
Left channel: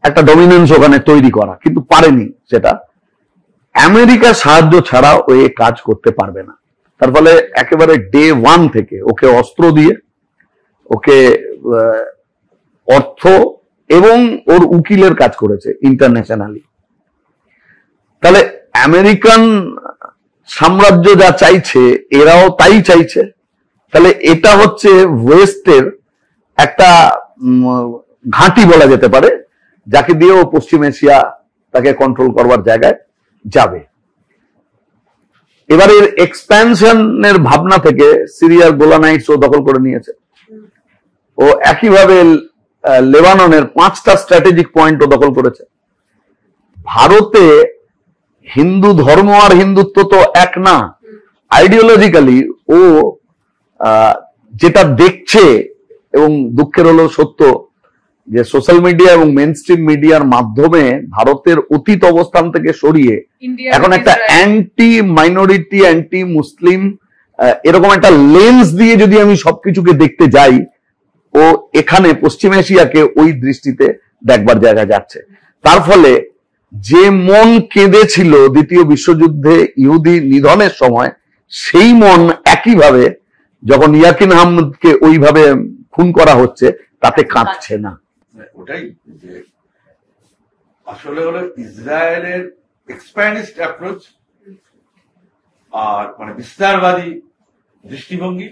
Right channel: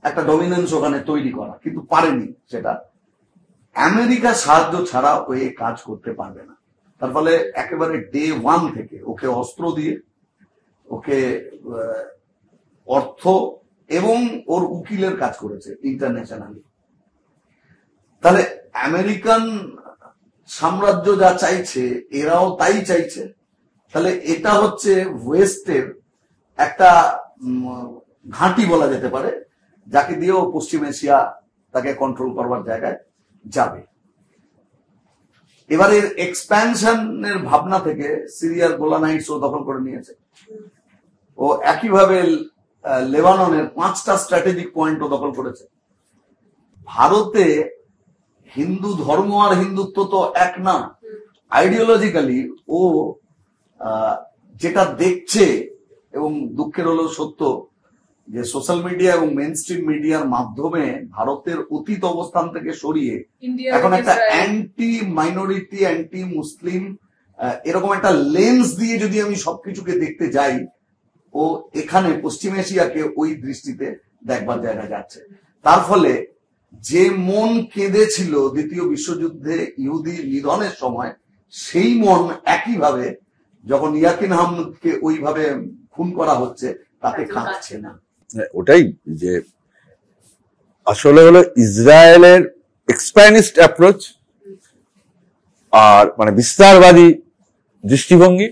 একটা ডমিনেন্স ওখানে তৈরি করা, কিন্তু পারেনি সেটা। আমেরিকার সাহায্য ছাড়া ও এ কাজ করতে পারবে না। তার ফলে একেবারে ডে 1 থেকে ওকে অস্ত্র দিয়ে, ওকে অর্থ এবং ওর উকিলের কাজ করেছে ইন্টারন্যাশনালি। তাহলে আমেরিকান সাম্রাজ্য যা চাইছে এরাও তাই চাইছে। তাহলে এটা হচ্ছে ওয়েস্টের একটা ঘাঁটি বলা যেতে পারে, যাকে দিয়ে ও পশ্চিম এশিয়া তাকে কন্ট্রোল করবার জায়গায় যাবে। এবার এর এক্সপ্যানশনের ভাবনা থেকে সিরিয়ার গোলানাইটস ও দখল করে নিয়েছে। ও একইভাবে লেবাননের 5টা স্ট্র্যাটেজিক পয়েন্ট ও দখল করেছে। ভারতে হিন্দু ধর্ম আর হিন্দুত্ব তো এক না। আইডিওলজিক্যালি ও যেটা দেখছে, এবং দুঃখের হলো সত্য যে সোশ্যাল মিডিয়া এবং মেইন স্ট্রিম মিডিয়ার মাধ্যমে ভারতের অতীত অবস্থান থেকে সরিয়ে এখন একটা অ্যান্টি মাইনরিটি, অ্যান্টি মুসলিম এরকম একটা লেন্স দিয়ে যদি আমি সবকিছুকে দেখতে যাই, ও এখানে পশ্চিম এশিয়াকে ওই দৃষ্টিতে দেখবার জায়গা যাচ্ছে। তার ফলে যে মন কেঁদেছিল দ্বিতীয় বিশ্বযুদ্ধে ইহুদি নিধনের সময়, সেই মন একইভাবে যখন ইয়াকিন আহমদকে ওইভাবে খুন করা হচ্ছে তাতে কাঁদছে না। ওটাই যে আসলে হলো ইসরায়েলের এক্সপ্যানিস্ট অ্যাপ্রোচ আর মানে বিস্তারবাদী দৃষ্টিভঙ্গি,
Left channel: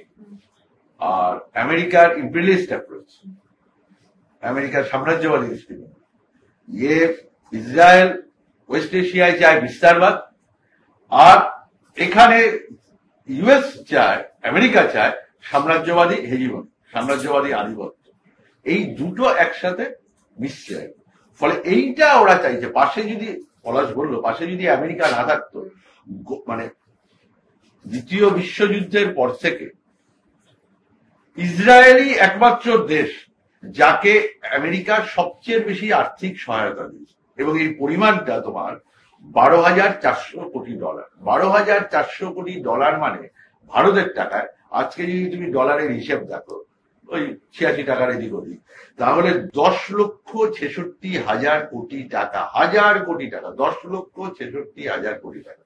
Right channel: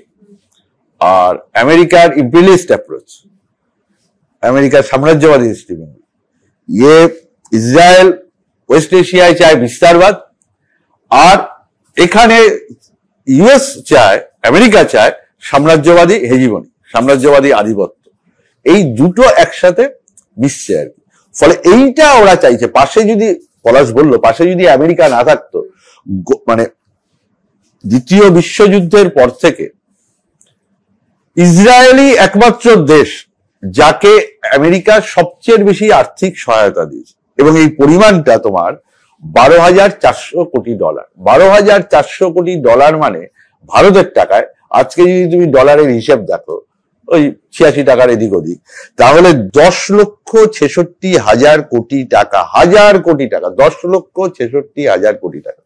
আর আমেরিকার ইম্পেরিয়ালিস্ট অ্যাপ্রোচ, আমেরিকার সাম্রাজ্যবাদী দৃষ্টিভঙ্গি। ইসরায়েল ওয়েস্ট এশিয়ায় চায় বিস্তারবাদ, আর এখানে ইউএস চায়, আমেরিকা চায় সাম্রাজ্যবাদী হেজিমনি, সাম্রাজ্যবাদী আধিপত্য। এই দুটো একসাথে মিশছে আর কি। ফলে এইটা ওরা চাইছে। পাশে যদি পলাশ বললো, পাশে যদি আমেরিকা না থাকতো, মানে দ্বিতীয় বিশ্বযুদ্ধের পর থেকে ইসরায়েলই একমাত্র দেশ যাকে আমেরিকা সবচেয়ে বেশি আর্থিক সহায়তা দিয়েছে, এবং এই পরিমাণটা তোমার $12,400 কোটি। $12,400 কোটি মানে ভারতের টাকায় আজকে যদি তুমি ডলারের হিসেব দেখো, ওই 86 টাকার এদিক ওদিক, তাহলে 10,66,000 কোটি টাকা, 1000 কোটি টাকা, 10,66,000 কোটি টাকা।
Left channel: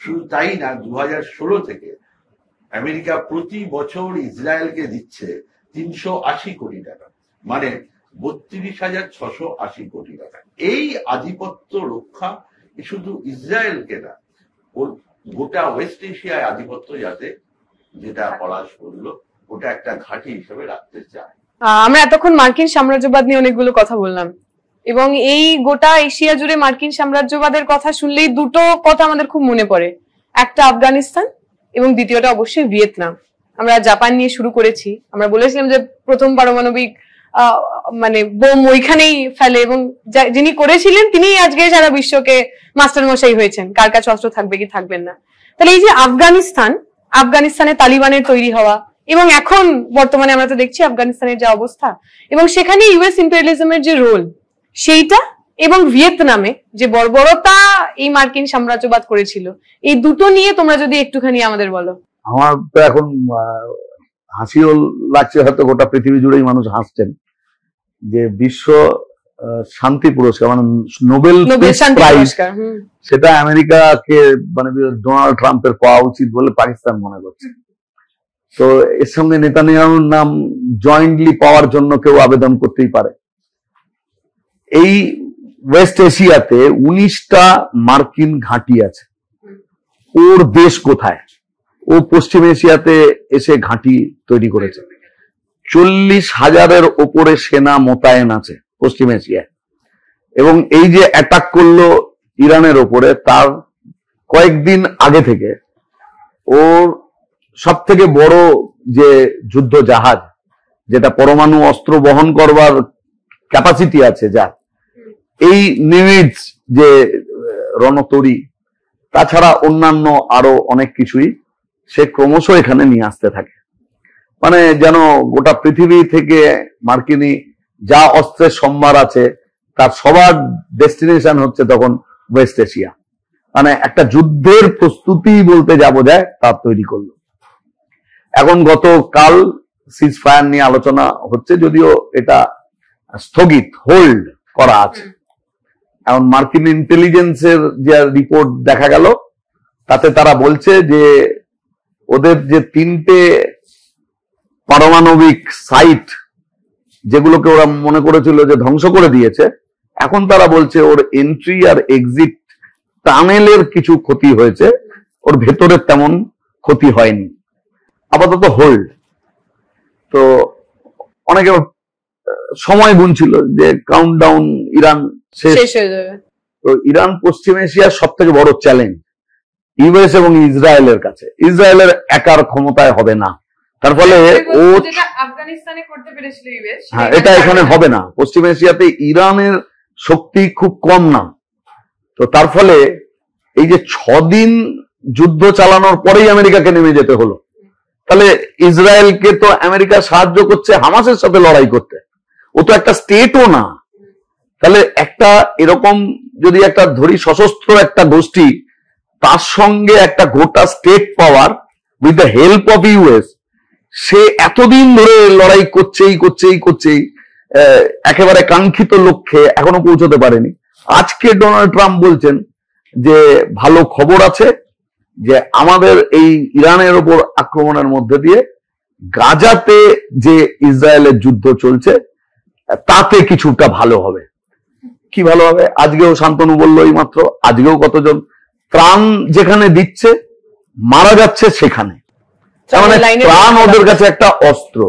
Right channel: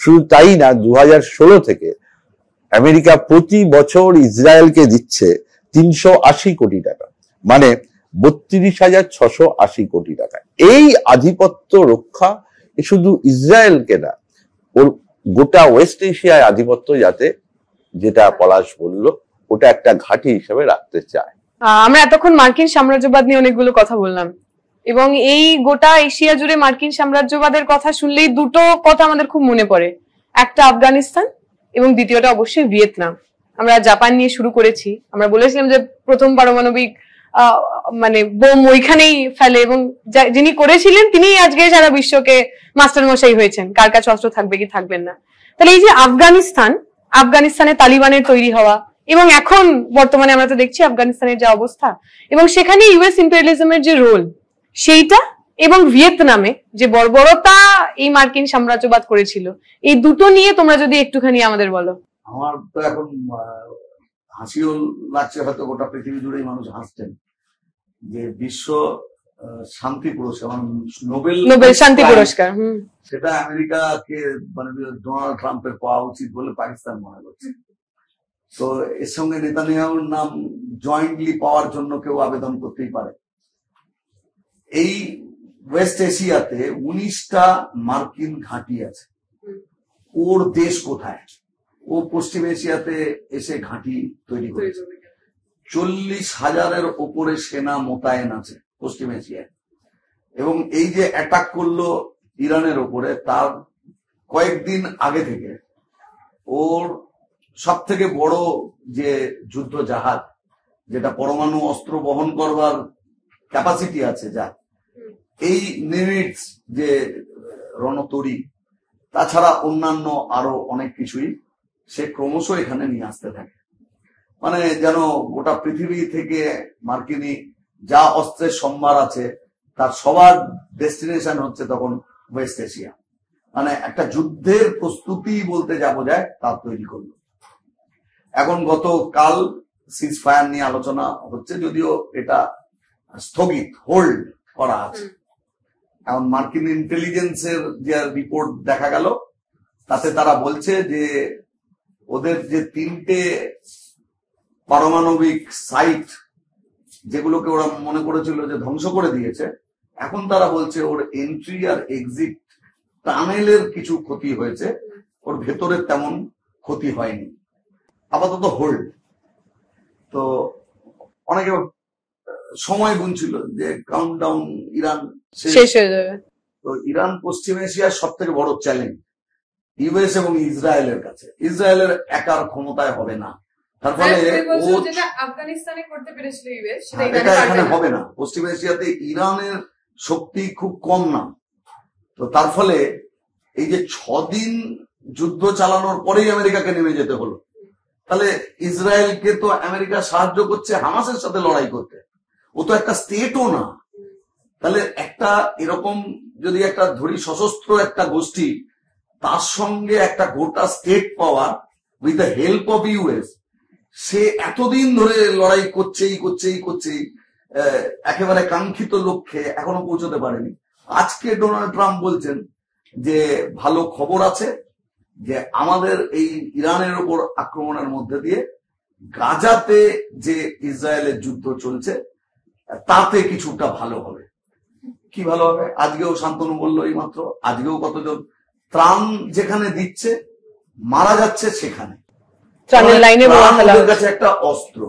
শুধু তাই না, 2016 থেকে আমেরিকা প্রতি বছর ইসরায়েলকে দিচ্ছে 380 কোটি টাকা, মানে 32,680 কোটি টাকা। এই আধিপত্য রক্ষা শুধু ইসরায়েলকে না, ওর গোটা ওয়েস্ট এশিয়ায় আধিপত্য যাতে, যেটা পলাশ বলল, ওটা একটা ঘাঁটি হিসেবে রাখতে চায়। আমরা এতক্ষণ মার্কিন সাম্রাজ্যবাদ নিয়ে অনেকগুলো কথা বললাম, এবং এই গোটা এশিয়া জুড়ে মার্কিন সাম্রাজ্যবাদের কথা শুনলেই দুটো কথা আমাদের খুব মনে পড়ে। একটা আফগানিস্তান এবং দ্বিতীয়টা অবশ্যই ভিয়েতনাম। আমরা জাপান নিয়ে শুরু করেছি, আমরা বলেছিলাম যে প্রথম পারমাণবিক মানে বোম ওইখানেই ফেলে, এবং যিনি করেছিলেন তিনি আজকে সারা বিশ্বকে মাস্টার মশাই হয়েছেন, কার কাছে অস্ত্র থাকবে কি থাকবেন না। তাহলে এই যে আফগানিস্তানে তালিবানের তৈরি হওয়া, এবং এখন বর্তমানে আমরা তো দেখছি আফগানিস্তানের যে অবস্থা, এবং সেখানে ইউএস ইম্পেরিয়ালিজমের যে রোল, সেইটা এবং ভিয়েতনামে যে বর্বরতা এই মার্কিন সাম্রাজ্যবাদ করেছিল, এই দুটো নিয়ে তোমরা যদি একটুখানি আমাদের বলো। আমার তো এখন হাসিও লাগছে, হয়তো গোটা পৃথিবী জুড়েই মানুষ হাসছেন, যে বিশ্ব শান্তি পুরস্কার মানে নোবেল শান্তি পুরস্কার, সেটা আমেরিকাকে মানে ডোনাল্ড ট্রাম্পের পাওয়া উচিত বলে পাকিস্তান মনে করছে। তো এর সঙ্গে নেতানিয়াহুর নাম জয়েন্টলি পাওয়ার জন্য কেউ আবেদন করতেই পারে। এই ওয়েস্ট এশিয়াতে 19টা মার্কিন ঘাঁটি আছে। ওর দেশ কোথায়? ও পশ্চিম এশিয়াতে এসে ঘাঁটি তৈরি করেছে। 40,000-এর ওপরে সেনা মোতায়েন আছে পশ্চিম এশিয়ায়। এবং এই যে অ্যাটাক করলো ইরানের ওপরে, তার কয়েকদিন আগে থেকে ওর সব থেকে বড় যে যুদ্ধ জাহাজ, যেটা পরমাণু অস্ত্র বহন করবার ক্যাপাসিটি আছে, যা এই নিমিটস যে রণতরী, তাছাড়া অন্যান্য আরো অনেক কিছুই সে ক্রমশ এখানে নিয়ে আসতে থাকে। মানে যেন গোটা পৃথিবী থেকে মার্কিনী যা অস্ত্রের সম্ভার আছে তার সবার ডেস্টিনেশন হচ্ছে তখন ওয়েস্ট এশিয়া। মানে একটা যুদ্ধের প্রস্তুতি বলতে যাবো যায় তার তৈরি করলো। এখন গতকাল সিজ ফায়ার নিয়ে আলোচনা হচ্ছে, যদিও এটা স্থগিত, হোল্ড করা আছে। এখন মার্কিন ইন্টেলিজেন্সের যে রিপোর্ট দেখা গেল, তাতে তারা বলছে যে ওদের যে 3টে পারমাণবিক সাইট যেগুলোকে ওরা মনে করেছিল যে ধ্বংস করে দিয়েছে, এখন তারা বলছে ওর এন্ট্রি আর এক্সিট টানেলের কিছু ক্ষতি হয়েছে, ওর ভেতরে তেমন ক্ষতি হয়নি। আপাতত হোল্ড। তো অনেকে সময় গুনছিল যে কাউন্টডাউন ইরান শেষ হয়ে যাবে। তো ইরান পশ্চিম এশিয়ার সব থেকে বড় চ্যালেঞ্জ ইউএস এবং ইসরায়েলের কাছে। ইসরায়েলের একার ক্ষমতায় হবে না, তার ফলে ও আফগানিস্তানে করতে পেরেছিল ইউএস, হ্যাঁ, এটা এখানে হবে না। পশ্চিম এশিয়াতে ইরানের শক্তি খুব কম না। তো তার ফলে এই যে 6 দিন যুদ্ধ চালানোর পরেই আমেরিকাকে নেমে যেতে হলো। তাহলে ইসরায়েলকে তো আমেরিকা সাহায্য করছে হামাসের সাথে লড়াই করতে, ও তো একটা স্টেটও না। তাহলে একটা এরকম যদি একটা ধরি সশস্ত্র একটা গোষ্ঠী, তার সঙ্গে একটা গোটা state power with the help of US, সে এতদিন ধরে লড়াই করছেই একেবারে কাঙ্ক্ষিত লক্ষ্যে এখনো পৌঁছতে পারেনি। আজকে ডোনাল্ড ট্রাম্প বলছেন যে ভালো খবর আছে, যে আমাদের এই ইরানের উপর আক্রমণের মধ্যে দিয়ে গাজাতে যে ইসরায়েলের যুদ্ধ চলছে তাতে কিছুটা ভালো হবে। কি ভালো হবে? আজকেও শান্তনু বললো এই মাত্র, আজকেও কতজন ত্রাণ যেখানে দিচ্ছে মারা যাচ্ছে সেখানে। ত্রাণ ওদের কাছে একটা অস্ত্র।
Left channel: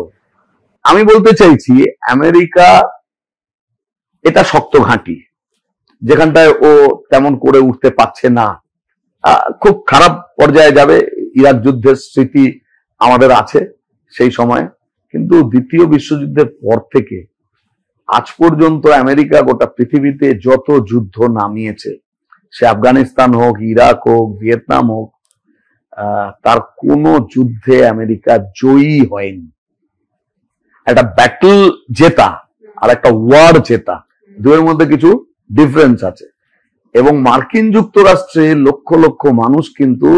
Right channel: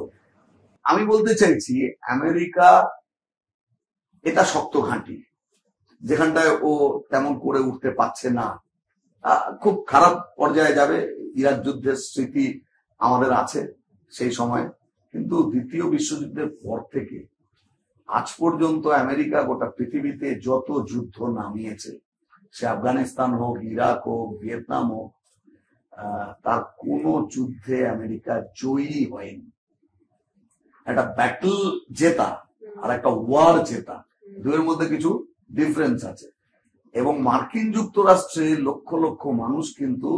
আমি বলতে চাইছি আমেরিকা এটা শক্ত ঘাঁটি, যেখানটায় ও তেমন করে উঠতে পারছে না। খুব খারাপ পর্যায়ে যাবে। ইরাক যুদ্ধের স্মৃতি আমাদের আছে সেই সময়, কিন্তু দ্বিতীয় বিশ্বযুদ্ধের পর থেকে আজ পর্যন্ত আমেরিকা গোটা পৃথিবীতে যত যুদ্ধ নামিয়েছে, সে আফগানিস্তান হোক, ইরাক হোক, ভিয়েতনাম হোক, তার কোন যুদ্ধে আমেরিকা জয়ী হয়নি। একটা ব্যাটল জেতা আর একটা ওয়ার জেতা, দুয়ের মধ্যে কিছু ডিফারেন্স আছে। এবং মার্কিন যুক্তরাষ্ট্রে লক্ষ লক্ষ মানুষ কিন্তু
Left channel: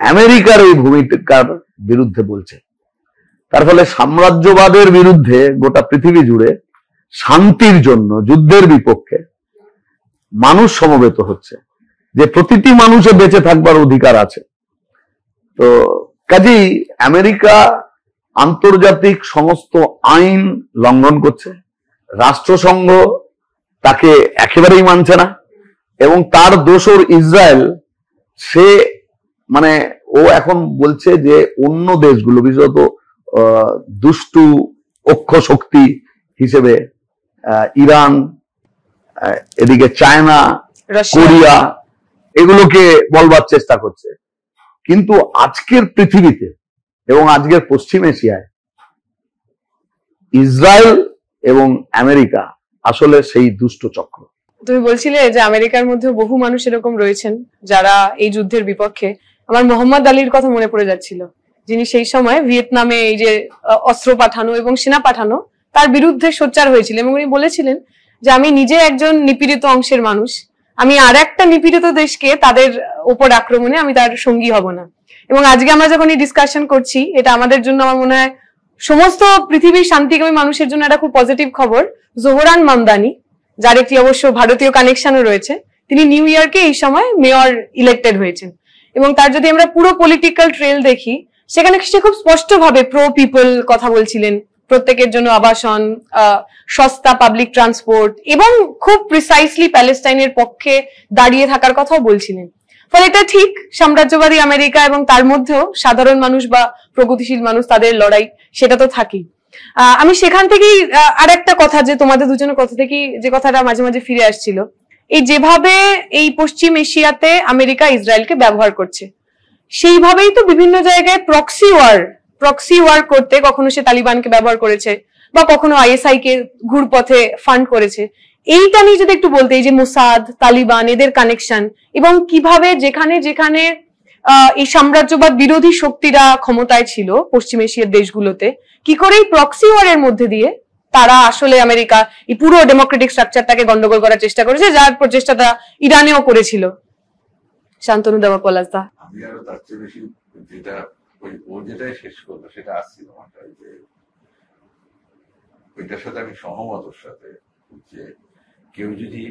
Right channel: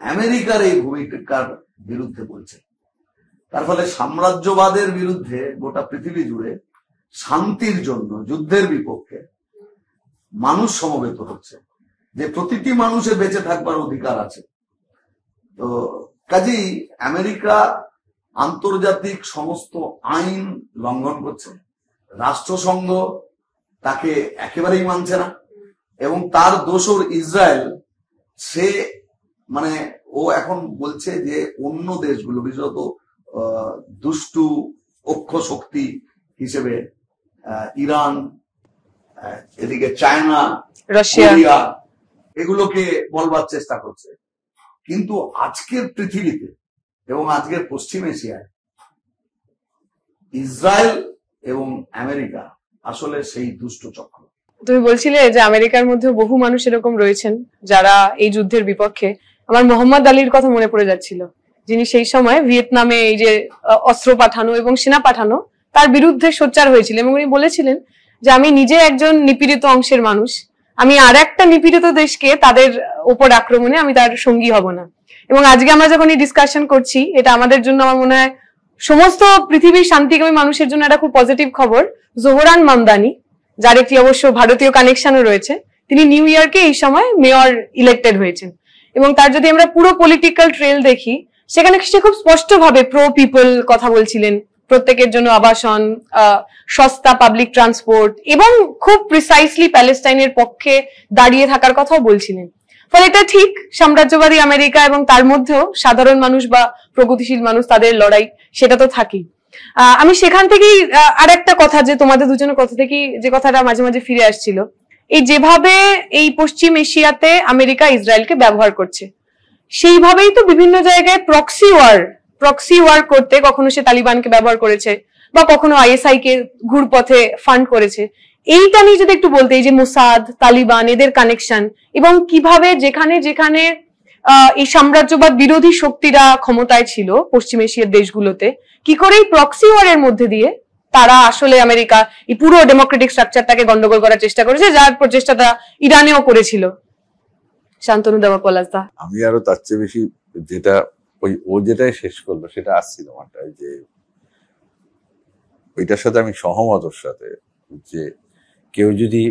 আমেরিকার এই ভূমিকার বিরুদ্ধে বলছে। তার ফলে সাম্রাজ্যবাদের বিরুদ্ধে গোটা পৃথিবী জুড়ে শান্তির জন্য যুদ্ধের বিপক্ষে মানুষ সমবেত হচ্ছে, যে প্রতিটি মানুষের বেঁচে থাকবার অধিকার আছে। তো কাজেই আমেরিকা আন্তর্জাতিক সমস্ত আইন লঙ্ঘন করছে, রাষ্ট্রসংঘ তাকে একেবারেই মানছে না, এবং তার দোসর ইসরায়েল, সে মানে ও এখন বলছে যে অন্য দেশগুলো, বিশেষত দুষ্টু অক্ষ শক্তি হিসেবে ইরান, এদিকে চায়না, কোরিয়া, এগুলোকে বলবার চেষ্টা করছে। কিন্তু আজকের পৃথিবীতে এবং আজকের পশ্চিম এশিয়ায় ইসরায়েল এবং আমেরিকা আসলে সেই দুষ্ট চক্র। তুমি বলছিলে যে আমেরিকার মধ্যে বহু মানুষ এরকম রয়েছেন যারা এই যুদ্ধের বিপক্ষে। আমার মোহাম্মদ আলীর কথা মনে পড়ে যাচ্ছিল, যিনি সেই সময় ভিয়েতনামে এই যে অস্ত্র পাঠানো এবং সেনা পাঠানো তার বিরুদ্ধে সোচ্চার হয়েছিলেন, এবং উনি বলেছিলেন যে আমি নিজে একজন নিপীড়িত অংশের মানুষ, আমি আর একটা নিপীড়িত দেশকে তাদের উপর আক্রমণে আমি তার সঙ্গী হব না। এবং আজকে আমরা যখন এই ডিসকাশন করছি, এটা আমাদের জন্য আমার মনে হয় সমস্ত পৃথিবীর শান্তিকামী মানুষের জন্য একটা খুব পজিটিভ খবর। জোহরান মামদানি, যার একটি অবশ্য ভারতীয় কানেকশনও রয়েছে, তিনি নিউ ইয়র্কে এই সময় মেয়র ইলেক্টেড হয়েছেন। এবং তার যদি আমরা পুরো পলিটিক্যাল ট্রেল দেখি, সেখানে সে খুব স্পষ্টভাবে প্রো পিপল কথা বলছিলেন, প্রত্যেকের জন্য আবাসন, সস্তা পাবলিক ট্রান্সপোর্ট, এবং খুব প্রিসাইসলি প্যালেস্টাইনের পক্ষে দাঁড়িয়ে থাকার কথাও বলছিলেন। ফলে এটা ঠিক, সাম্রাজ্যবাদী আমেরিকা এবং তার মধ্যেও সাধারণ মানুষ বা প্রগতিশীল মানুষ, তাদের লড়াই সেটা তো থাকেই। আমি সেখান থেকেই আর একটা কথা, যে তোমাদের দুজনের কথা থেকেই যে কথাটা মাঝে মাঝে ফিরে আসছিল, এই যেভাবে এই পশ্চিম এশিয়াতে আমেরিকা ইসরায়েলকে ব্যবহার করছে, সেইভাবেই তো বিভিন্ন জায়গায় প্রক্সি ওয়ার করতে কখনো সে তালিবানকে ব্যবহার করেছে, বা কখনো আইএসআই কে ঘুরপথে ফান্ড করেছে। এইটা নিয়ে যদি একটু বলতে, এই যে মোসাদ, তালিবান, এদের কানেকশন, এবং কিভাবে যেখানে যেখানে এই সাম্রাজ্যবাদ বিরোধী শক্তিরা ক্ষমতায় ছিল পশ্চিম এশিয়ার দেশগুলোতে, কি করে এই প্রক্সি ওয়ারের মধ্যে দিয়ে তারা আসলে আমেরিকা এই পুরো ডেমোক্রেটিক স্ট্রাকচারটাকে গন্ডগোল করার চেষ্টা করেছে, যার প্রচেষ্টাটা ইরানেও করেছিল। শান্তনু দেবা, পলাশ দা। আমি আরো তার চেয়ে বেশি যেটা ও যেটাই শেষ করলো সেটা আসছিল আমারটা, যে ওইটার সাথে আমি সহমত ওর সাথে, যে কেউ যদি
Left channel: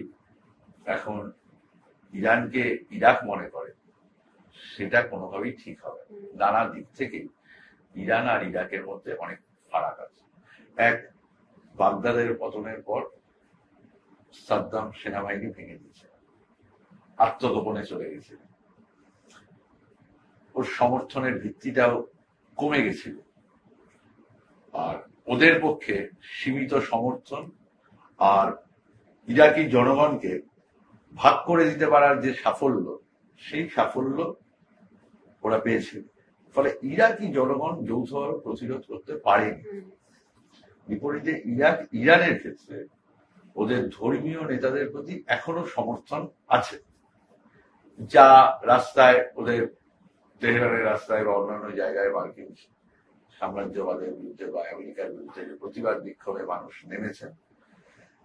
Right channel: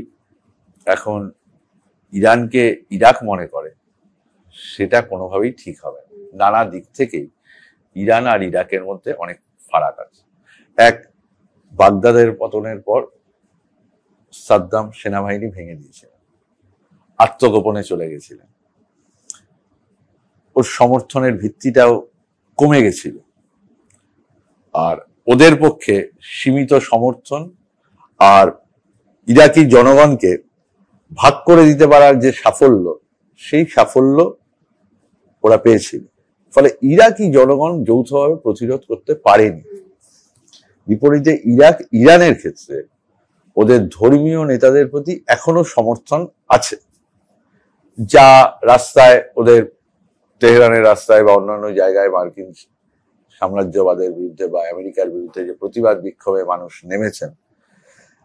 এখন ইরানকে ইরাক মনে করে, সেটা কোনোভাবেই ঠিক হবে না। নানা দিক থেকেই ইরান আর ইরাকের মধ্যে অনেক ফারাক আছে। এক, বাগদাদের পতনের পর সাদ্দাম সেনাবাহিনী ভেঙে দিয়েছিল, আত্মগোপনে চলে গেছিলেন, ওর সমর্থনের ভিত্তিটাও কমে গেছিল, আর ওদের পক্ষে সীমিত সমর্থন আর ইরাকি জনগণকে ভাগ করে দিতে পারার যে সাফল্য, সেই সাফল্য ওরা পেয়েছিল। ফলে ইরাকি জনগণ যৌথভাবে প্রতিরোধ করতে পারেনি। বিপরীতে ইরানের ক্ষেত্রে ওদের ধর্মীয় নেতাদের প্রতি এখনো সমর্থন আছে, যা রাস্তায় ওদের তেহরানের রাস্তায় বা অন্যান্য জায়গায় মার্কিন সাম্রাজ্যবাদের বিরুদ্ধে বা আমেরিকার বিরুদ্ধে যে প্রতিবাদ বিক্ষোভে মানুষ নেমেছেন,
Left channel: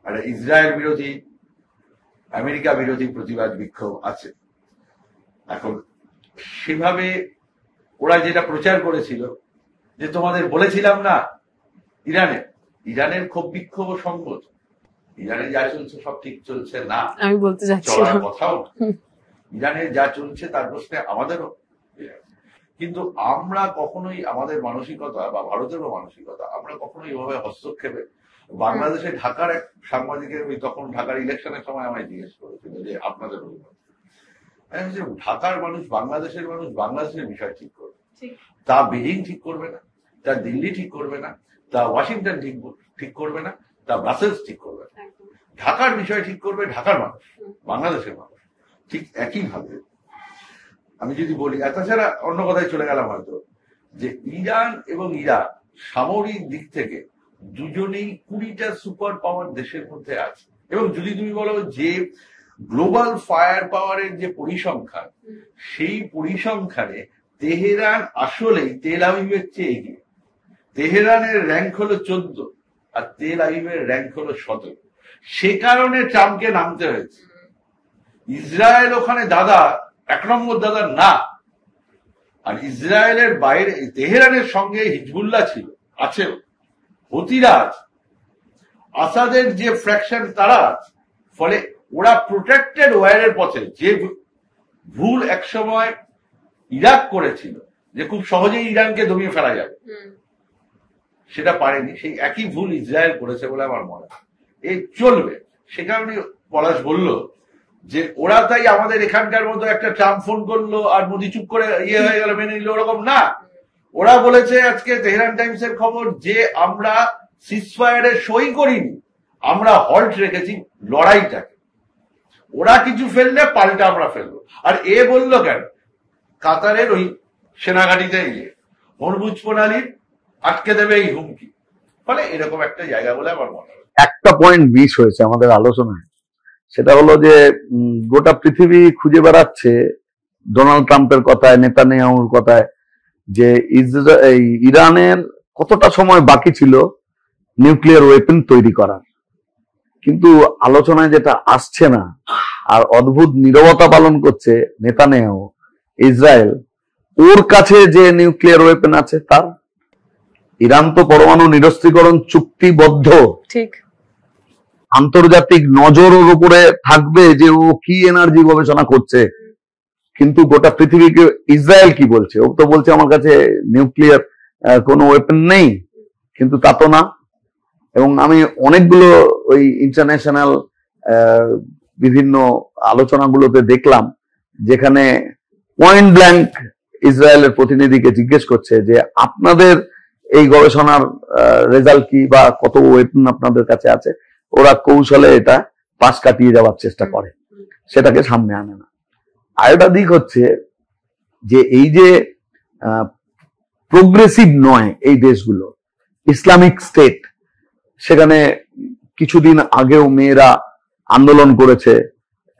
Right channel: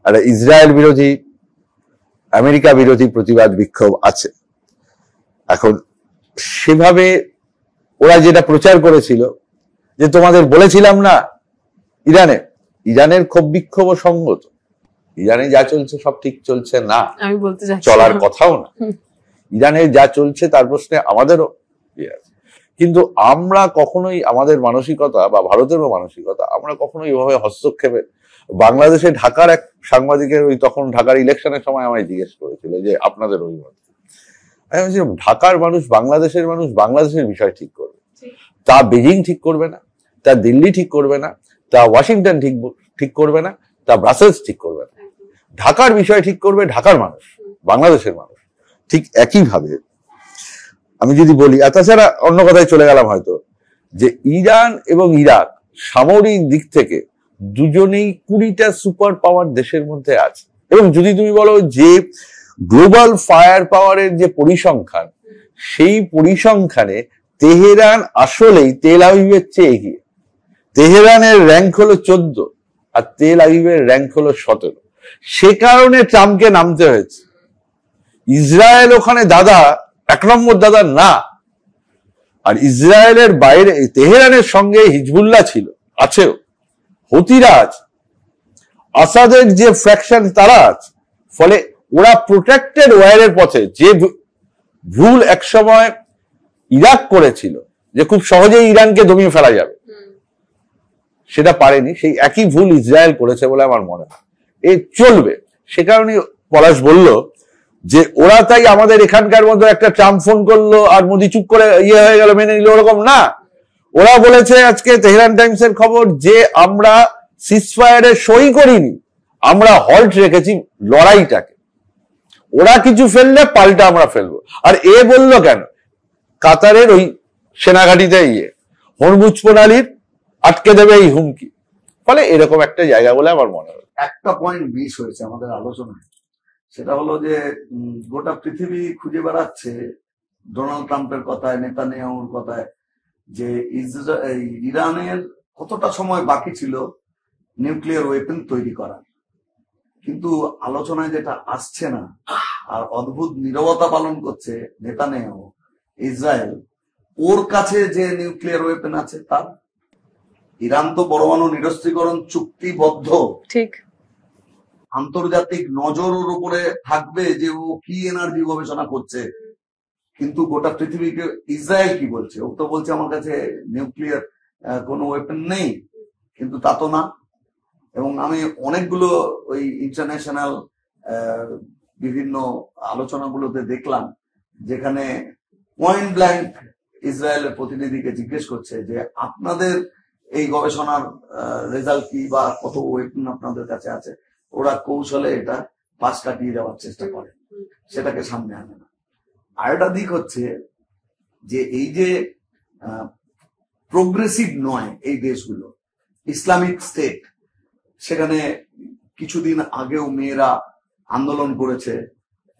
আর ইসরায়েল বিরোধী, আমেরিকা বিরোধী প্রতিবাদ বিক্ষোভ আছে। এখন সেভাবে ওরা যেটা প্রচার করেছিল, যে তোমাদের বলেছিলাম না, ইরানের ক্ষোভ বিক্ষোভ সঙ্গত, ইরানে যা চলছে সব ঠিক চলছে না, আমি বলতে যাচ্ছি চলার কথাও না। ইরানে যা চলছে তার প্রশ্নে আমাদেরও আছে, কিন্তু আমরা কখনোই আমাদের মানসিকতা বা ভারতেরও মানসিকতা, আমরা কখনোই এভাবে হস্তক্ষেপে, বাংলাদেশে ঢাকার এক সাংবাদিকের, ওই তখন ঢাকার ইলেকশনের সময় আমায় জিজ্ঞেস করেছিল যে আপনাদের অভিমত। আমি বলছিলাম, ঢাকার মানুষ, বাংলাদেশের মানুষ বাংলাদেশের বিষয় ঠিক করবে, তা বেজিং ঠিক করবে না, তা দিল্লি ঠিক করবে না, তা ওয়াশিংটন ঠিক করবে না, তা ব্রাসেলস ঠিক করবে না। ঢাকার বিষয় ঠিক করবে ঢাকার মানুষ, বাংলাদেশের মানুষ। ঠিক একইভাবে আমি যদি বলি, তাছাড়া অন্য কথায় চলে গেলাম হয়তো, যে ইরান এবং ইরাক সামরিক দিক থেকে দুজনেই 20টা সুপার পাওয়ার দেশের মধ্যে আছে। এবং যদি তুমি বলো যে গ্লোবাল ফায়ার পাওয়ারের যে পরিসংখ্যান, সেই পরিসংখ্যানে তেহরান আসলেই তেল আবিবের চেয়ে এগিয়ে। তেহরানের র্যাঙ্ক হলো 14 আর তেল আবিবের র্যাঙ্ক হলো 17। সে কারণে ট্রাম্পকে নামতে হয়েছে। ইসরায়েল ওখানে দাদা, 1 নম্বর দাদা না। আর ইসরায়েলের বাইরে তেহরানের সঙ্গে হিজবুল্লাহ ছিল, আছেও, হুতিরা আছে, আসাদের যে ফ্র্যাকশন তারা আছে। ফলে ওরা প্রোটেক্টেড ওয়ারের পথে, যে ভুল একসময় ইরাক করেছিল যে খুব সহজেই ইরানকে দমিয়ে ফেলা যাবে, সেটা পারেনি। সেই একই ভুল ইসরায়েল করেছে বলে আমার মনে হয়। এই চলবে। সে কারণে পলাশ বলল যে ওরা তাই আমাদের এখানকার মধ্যে একটা ট্রাম্প ফোন করলো আর মোদি চুপ করে ইয়ে হয়ে গেল, মেনে নিল, ওরকম না। ওরা বলেছে, আজকে তেহরান টাইমসের খবর, যে আমরা সিজফায়ারে সই করিনি, আমরা হল্ট রেখেছি লড়াইটাকে। ওরা কিছু ফেললে পাল্টা আমরা ফেলবো। আর এ বললো কেন, কাতারের ওই সেনাঘাটিতে হরমুজ প্রণালীর আটকে দেবে এই হুমকি। ফলে এরকম একটা জায়গা বলে আমার মনে হয়। একটা পয়েন্ট মিস হয়েছে আমাদের আলোচনায়, সেটা হলো যে গোটা পৃথিবী খুঁজে বেড়াচ্ছে ডোনাল্ড ট্রাম্পের কথায়, নেতানিয়াহুর কথায়, যে ইরানের কতটা সময় বাকি ছিল নিউক্লিয়ার ওয়েপন তৈরি করার। কিন্তু আলোচনায় যেটা আসছে না, আর অদ্ভুত নীরবতা পালন করছে নেতানিয়াহু, ইসরায়েল, ওর কাছে যে নিউক্লিয়ার ওয়েপেন আছে তার। ইরান তো পরমাণু নিরস্ত্রীকরণ চুক্তিবদ্ধ, ঠিক, আন্তর্জাতিক নজর ওর উপরে থাকবে যে ও কি এনার্জি গবেষণা করছে। কিন্তু গোটা পৃথিবীকে ইসরায়েল কি বলছে? ও তো বলছে আমার কাছে নিউক্লিয়ার কোনো ওয়েপেন নেই, কিন্তু তা তো না। এবং আমি অনেকগুলো ওই ইন্টারন্যাশনাল বিভিন্ন আলোচনাগুলোতে দেখলাম যেখানে পয়েন্ট ব্ল্যাঙ্ক ইসরায়েলের প্রতিনিধিকে জিজ্ঞেস করছে যে আপনাদের এই গবেষণার রেজাল্ট কি, বা কত ওয়েপন আপনাদের কাছে আছে। ওরা কৌশলে এটা পাশ কাটিয়ে যাওয়ার চেষ্টা করে, সেটাকে সামনে আনে না। আরেকটা দিক হচ্ছে যে এই যে প্রোগ্রেসিভ নয় এই দেশগুলো, ইসলামিক স্টেট, সেখানে কিছুদিন আগেও মেয়েরা আন্দোলন করেছে,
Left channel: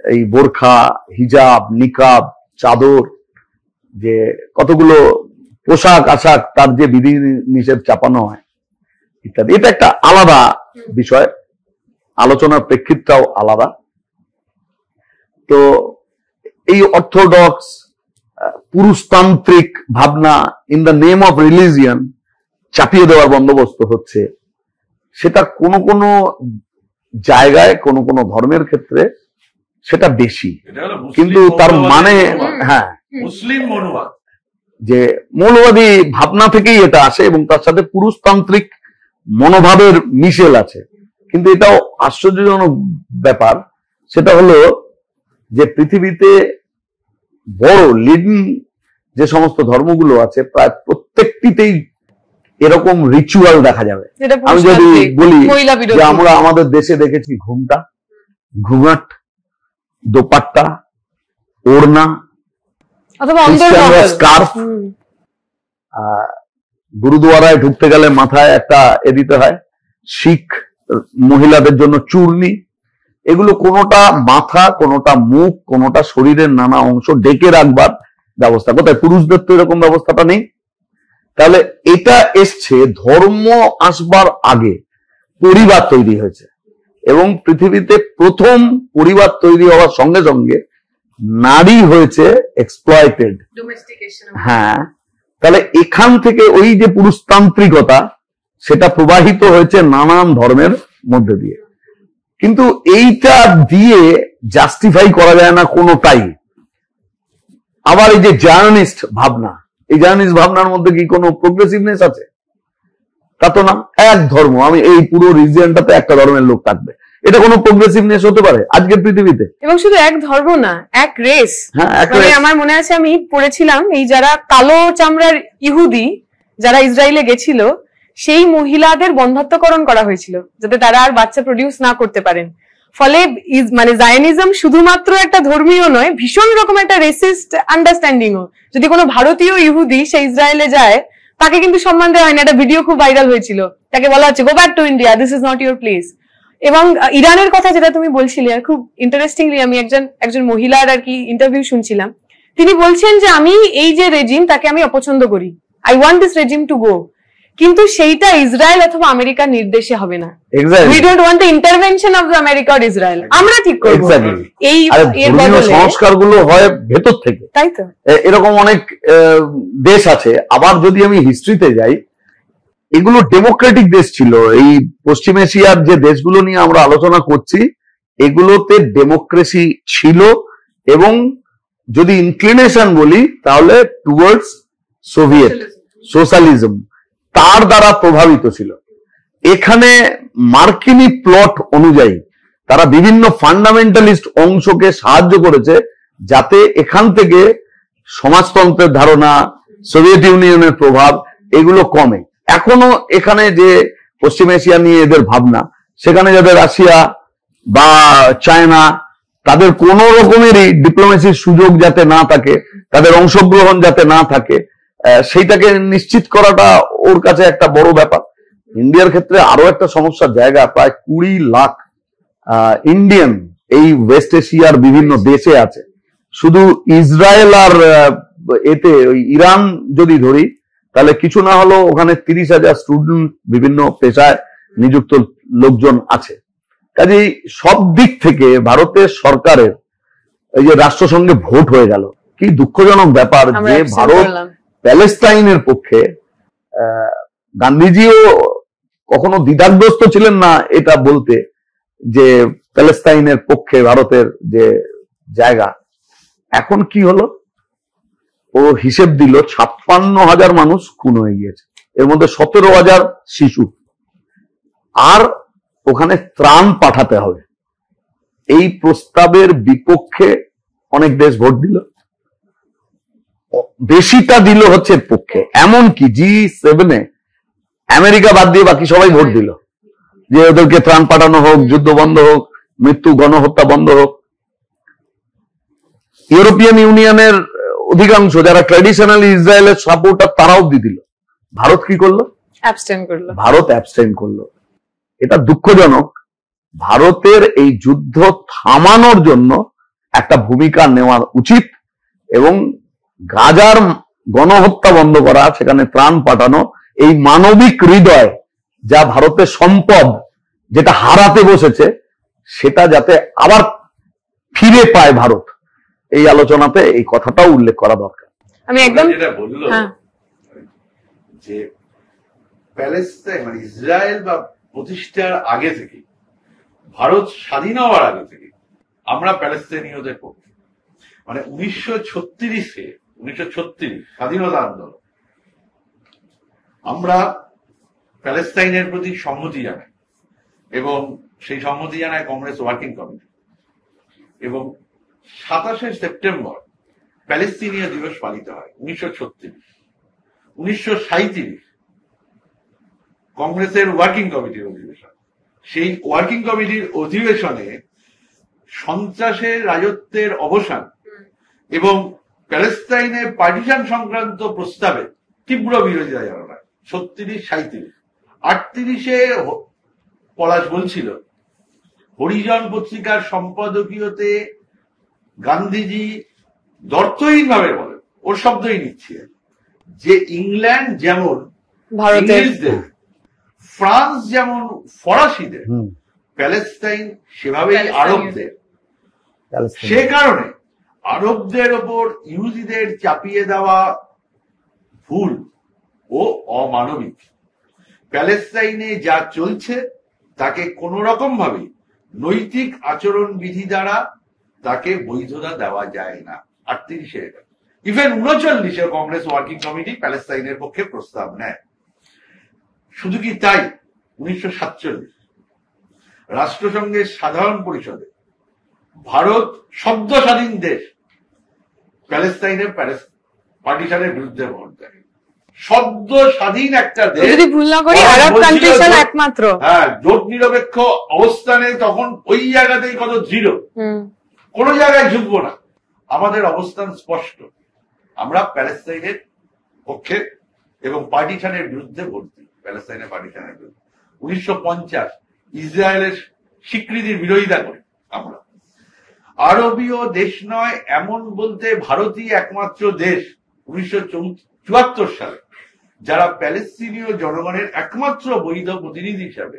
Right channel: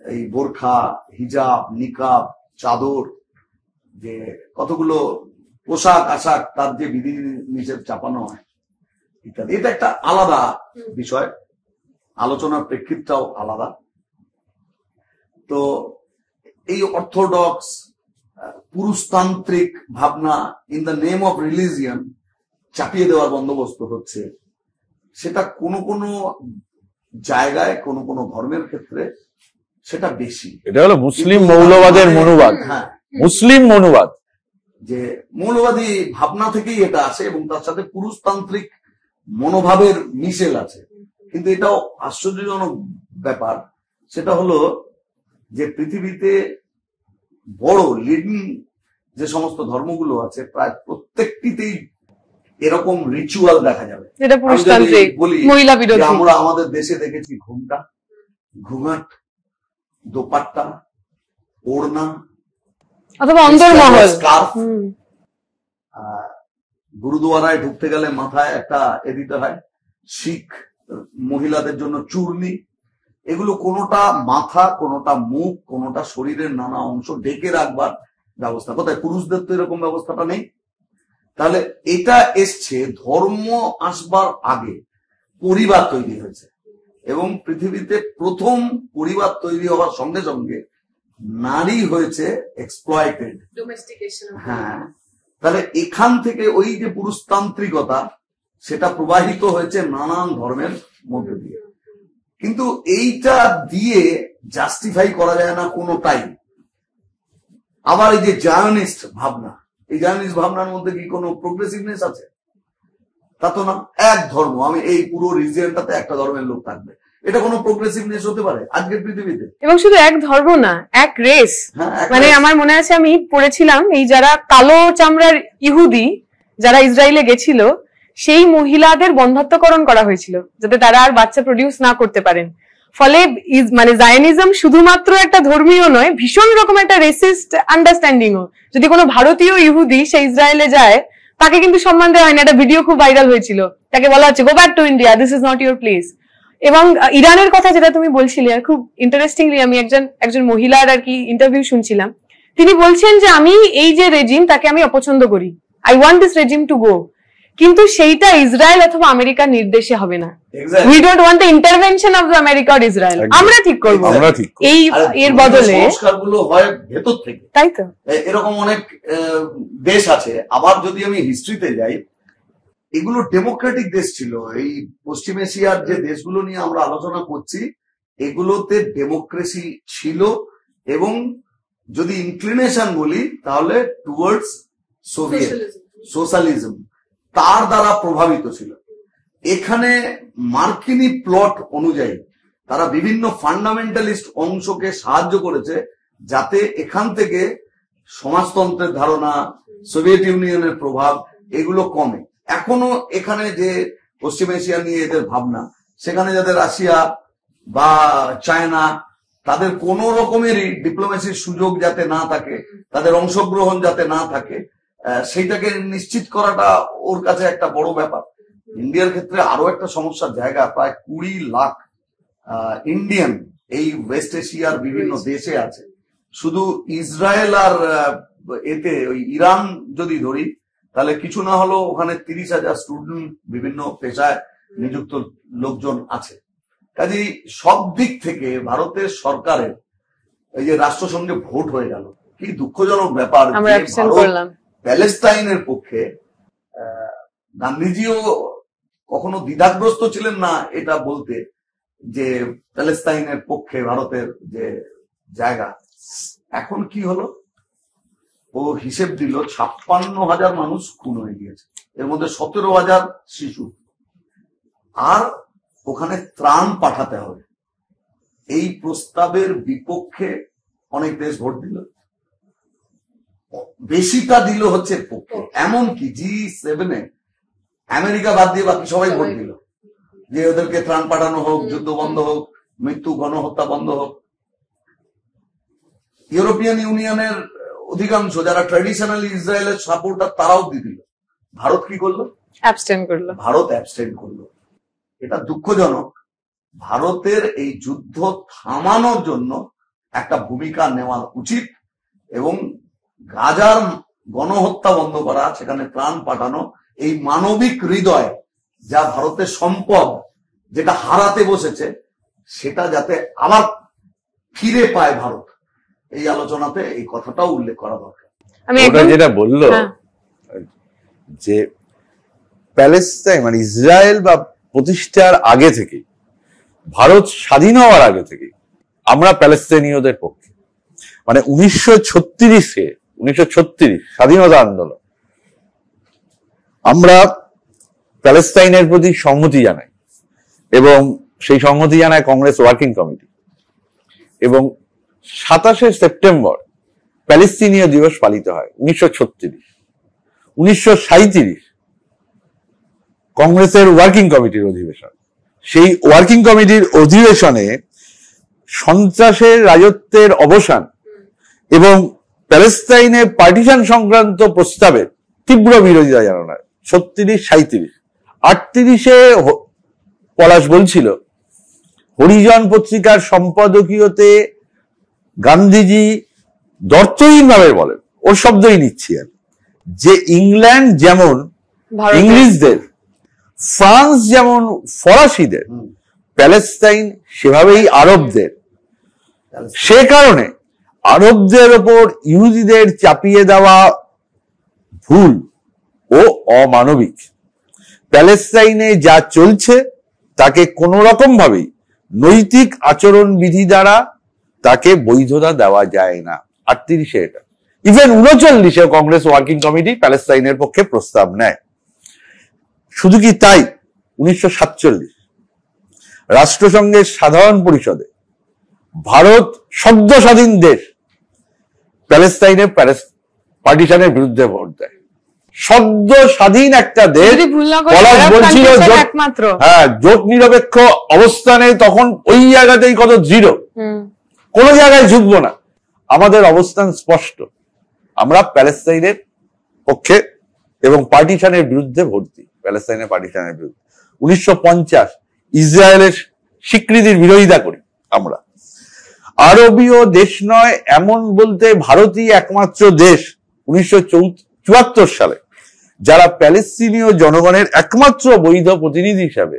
এই বোরখা, হিজাব, নিকাব, চাদর, যে কতগুলো পোশাক আশাক তার যে বিধি নিষেধ চাপানো হয় ইত্যাদি। এটা একটা আলাদা বিষয়, আলোচনার প্রেক্ষিতটাও আলাদা। তো এই অর্থোডক্স পুরুষতান্ত্রিক ভাবনা in the name of religion চাপিয়ে দেওয়ার বন্দোবস্ত হচ্ছে, সেটা কোনো কোনো জায়গায় কোনো কোনো ধর্মের ক্ষেত্রে সেটা বেশি। এটা হলো মুসলিম মৌলবাদ। হ্যাঁ, মুসলিম মৌলবাদ, যে মৌলবাদী ভাবনা থেকেই এটা আসে এবং তার সাথে পুরুষতান্ত্রিক মনোভাবের মিশেল আছে। কিন্তু এটাও আশ্চর্যজনক ব্যাপার, সেটা হলো যে পৃথিবীতে বড় লিডিং যে সমস্ত ধর্মগুলো আছে প্রায় প্রত্যেকটিতেই এরকম রিচুয়াল দেখা যাবে। আমি যদি বলি যে আমরা আমাদের দেশে দেখেছি ঘুমটা, ঘুমাট, দোপাট্টা, ওড়না, অথবা অন্দরমহল স্কার্ফ, গুরুদুয়ারায় ঢুকতে গেলে মাথায় একটা দিতে হয়, শিখ মহিলাদের জন্য চূর্ণি। এগুলো কোনোটা মাথা, কোনোটা মুখ, কোনোটা শরীরের নানা অংশ ডেকে রাখবার ব্যবস্থা। কোথায়? পুরুষদের তো এরকম ব্যবস্থাটা নেই। তাহলে এটা এসছে ধর্ম আসবার আগে, পরিবার তৈরি হয়েছে, এবং পৃথিবীতে প্রথম পরিবার তৈরি হওয়ার সঙ্গে সঙ্গে নারী হয়েছে এক্সপ্লয়েটেড। হ্যাঁ, তাহলে এখান থেকে ওই যে পুরুষতান্ত্রিকতা সেটা প্রবাহিত হয়েছে নানান ধর্মের মধ্যে দিয়ে। কিন্তু এইটা দিয়ে জাস্টিফাই করা যায় না কোনোটাই। আবার এই যে জার্নালিস্ট ভাবনা, এই জার্নালিস্ট ভাবনার মধ্যে কি কোনো প্রোগ্রেসিভনেস আছে? তা তো না। এক ধর্ম, আমি এই পুরো রিজিয়নটাতে একটা ধর্মের লোক থাকবে, এটা কোনো প্রোগ্রেসিভনেস হতে পারে আজকের পৃথিবীতে? এবং শুধু এক ধর্ম না, এক রেস। মানে আমার মনে আছে আমি পড়েছিলাম এই যারা কালো চামড়ার ইহুদি যারা ইসরায়েলে গেছিল, সেই মহিলাদের বন্ধ্যাত্বকরণ করা হয়েছিল যাতে তারা আর বাচ্চা প্রডিউস না করতে পারেন। ফলে মানে জায়নিজম শুধুমাত্র একটা ধর্মীয় নয়, ভীষণ রকম একটা রেসিস্ট আন্ডারস্ট্যান্ডিংও। যদি কোনো ভারতীয় ইহুদি সে ইসরায়েলে যায়, তাকে কিন্তু সম্মান দেওয়া হয় না। একটা ভিডিও খুব ভাইরাল হয়েছিল, তাকে বলা হচ্ছে go back to India, this is not your place. এবং ইরানের কথা যেটা তুমি বলছিলে, খুব ইন্টারেস্টিংলি আমি একজন মহিলার আর কি ইন্টারভিউ শুনছিলাম। তিনি বলছেন যে আমি এই যে রেজিম, তাকে আমি অপছন্দ করি, I want this regime to go, কিন্তু সেইটা ইসরায়েল অথবা আমেরিকার নির্দেশে হবে না। We don't want the intervention of the America or Israel. আমরা ঠিক করবো এই এর বদলে। সংস্কারগুলো হয় ভেতর থেকে, তাই তো। এরকম অনেক দেশ আছে। আবার যদি আমি হিস্ট্রিতে যাই, এগুলো ডেমোক্রেটিক দেশ ছিল। এই পশ্চিম এশিয়ার যে দেশগুলো নিয়ে আমরা আলোচনা করছি, এগুলোতে ডেমোক্রেসি ছিল, এবং যদি ইনক্লিনেশন বলি তাহলে টুয়ার্ডস সোভিয়েত সোশ্যালিজম, তার দ্বারা প্রভাবিত ছিল। এখানে মার্কিনী প্লট অনুযায়ী তারা বিভিন্ন ফান্ডামেন্টালিস্ট অংশকে সাহায্য করেছে যাতে এখান থেকে সমাজতন্ত্রের ধারণা, সোভিয়েত ইউনিয়নের প্রভাব, এগুলো কমে। এখনো এখানে যে পশ্চিম এশিয়া নিয়ে এদের ভাবনা, সেখানে যাদের রাশিয়া বা চায়না, তাদের কোন রকমেরই ডিপ্লোমেসির সুযোগ যাতে না থাকে, তাদের অংশগ্রহণ যাতে না থাকে, সেইটাকে নিশ্চিত করাটা ওর কাছে একটা বড় ব্যাপার। ইন্ডিয়ার ক্ষেত্রে আরো একটা সমস্যার জায়গা, প্রায় 20 লাখ ইন্ডিয়ান এই ওয়েস্ট এশিয়ার বিভিন্ন দেশে আছে। শুধু ইসরায়েল আর এতে ওই ইরান যদি ধরি, তাহলে কিছু না হলেও ওখানে 30,000 স্টুডেন্ট, বিভিন্ন পেশায় নিযুক্ত লোকজন আছে। কাজেই সব দিক থেকে ভারতের সরকারের এই যে রাষ্ট্রসংঘে ভোট হয়ে গেল, কি দুঃখজনক ব্যাপার যে ভারত প্যালেস্টাইনের পক্ষে। গান্ধীজিও কখনো দ্বিধাগ্রস্ত ছিলেন না এটা বলতে যে প্যালেস্টাইনের পক্ষে ভারতের যে জায়গা। এখন কি হলো, ও হিসেব দিল 56,000 মানুষ খুন হয়ে গিয়েছে, এর মধ্যে 17,000 শিশু, আর ওখানে ত্রাণ পাঠাতে হবে। এই প্রস্তাবের বিপক্ষে অনেক দেশ ভোট দিল, বেশিটা দিল হচ্ছে পক্ষে। এমনকি G7 আমেরিকা বাদ দিয়ে বাকি সবাই ভোট দিল যে ওদেরকে ত্রাণ পাঠানো হোক, যুদ্ধ বন্ধ হোক, মৃত্যু গণহত্যা বন্ধ হোক। ইউরোপিয়ান ইউনিয়নের অধিকাংশ যারা ট্র্যাডিশনালি ইসরায়েলের সাপোর্টার তারাও দিয়ে দিল। ভারত কি করলো? ভারত অ্যাবস্টেইন করলো। এটা দুঃখজনক। ভারতের এই যুদ্ধ থামানোর জন্য একটা ভূমিকা নেওয়া উচিত এবং গাজার গণহত্যা বন্ধ করা, সেখানে ত্রাণ পাঠানো, এই মানবিক হৃদয় যা ভারতের সম্পদ যেটা হারাতে বসেছে সেটা যাতে আবার ফিরে পায় ভারত, এই আলোচনাতে এই কথাটাও উল্লেখ করা দরকার। আমি একদম যেটা বললো যে প্যালেস্টাইন মানে ইসরায়েল বা প্রতিষ্ঠার আগে থেকে, ভারত স্বাধীন হওয়ার আগে থেকে আমরা প্যালেস্তানীয়দের পক্ষে। মানে 1936 স্বাধীনতা আন্দোলন, আমরা প্যালেস্টাইনের প্রতি সংহতি জানাই এবং সেই সংহতি জানায় কংগ্রেস ওয়ার্কিং কমিটি। এবং 27শে সেপ্টেম্বর প্যালেস্তিনীয় দিবস পালিত হয় 1936। 1937 কংগ্রেসের ওয়ার্কিং কমিটির অধিবেশন। সেই ওয়ার্কিং কমিটির অধিবেশনে সন্ত্রাসের রাজত্বের অবসান এবং প্যালেস্টাইনে পার্টিশন সংক্রান্ত প্রস্তাবের তীব্র বিরোধিতা জানানো হয়। 36, 37, 38-এ পলাশ বলছিল হরিজন পত্রিকার সম্পাদকীয়তে গান্ধীজি দর্থহীন ভাবে বলেন, ওর শব্দই নিচ্ছি আর, যে ইংল্যান্ড যেমন ইংলিশদের, ফ্রান্স যেমন ফরাসিদের, প্যালেস্টাইন সেভাবেই আরবদের। সে কারণে আরবদের ওপর ইহুদিদের চাপিয়ে দেওয়া ভুল ও অমানবিক। প্যালেস্টাইনে যা চলছে তাকে কোন রকম ভাবেই নৈতিক আচরণ বিধি দ্বারা তাকে বৈধতা দেওয়া যায় না। 38-এ এটা। ইভেন 39-এ কংগ্রেস ওয়ার্কিং কমিটি প্যালেস্টাইনের পক্ষে প্রস্তাব নেয়। শুধু কি তাই, 1947 রাষ্ট্রসংঘের সাধারণ পরিষদে ভারত সদ্য স্বাধীন দেশ প্যালেস্টাইনের পার্টিশনের বিরুদ্ধে ভোট দেয়। সদ্য স্বাধীন একটা দেশ, একমাত্র জোট নিরপেক্ষ অবস্থানে, তখন ওই জায়গাতেই কত দৃঢ়, কোন জায়গায় ঝুঁকবো না, আমাদের অবস্থান স্পষ্ট, আমরা প্যালেস্টাইনের পক্ষে এবং পার্টিশনের বিরুদ্ধে ভোট দিই, প্যালেস্টাইনের পার্টিশনের বিরুদ্ধে। 1950 ইসরায়েলের স্বীকৃতির বিরোধিতা করি আমরা। আরবীয় দেশ নয় এমন বলতে ভারতই একমাত্র দেশ 1974 সালে যারা প্যালেস্তিনীয় জনগণের একমাত্র বৈধ প্রতিনিধি হিসাবে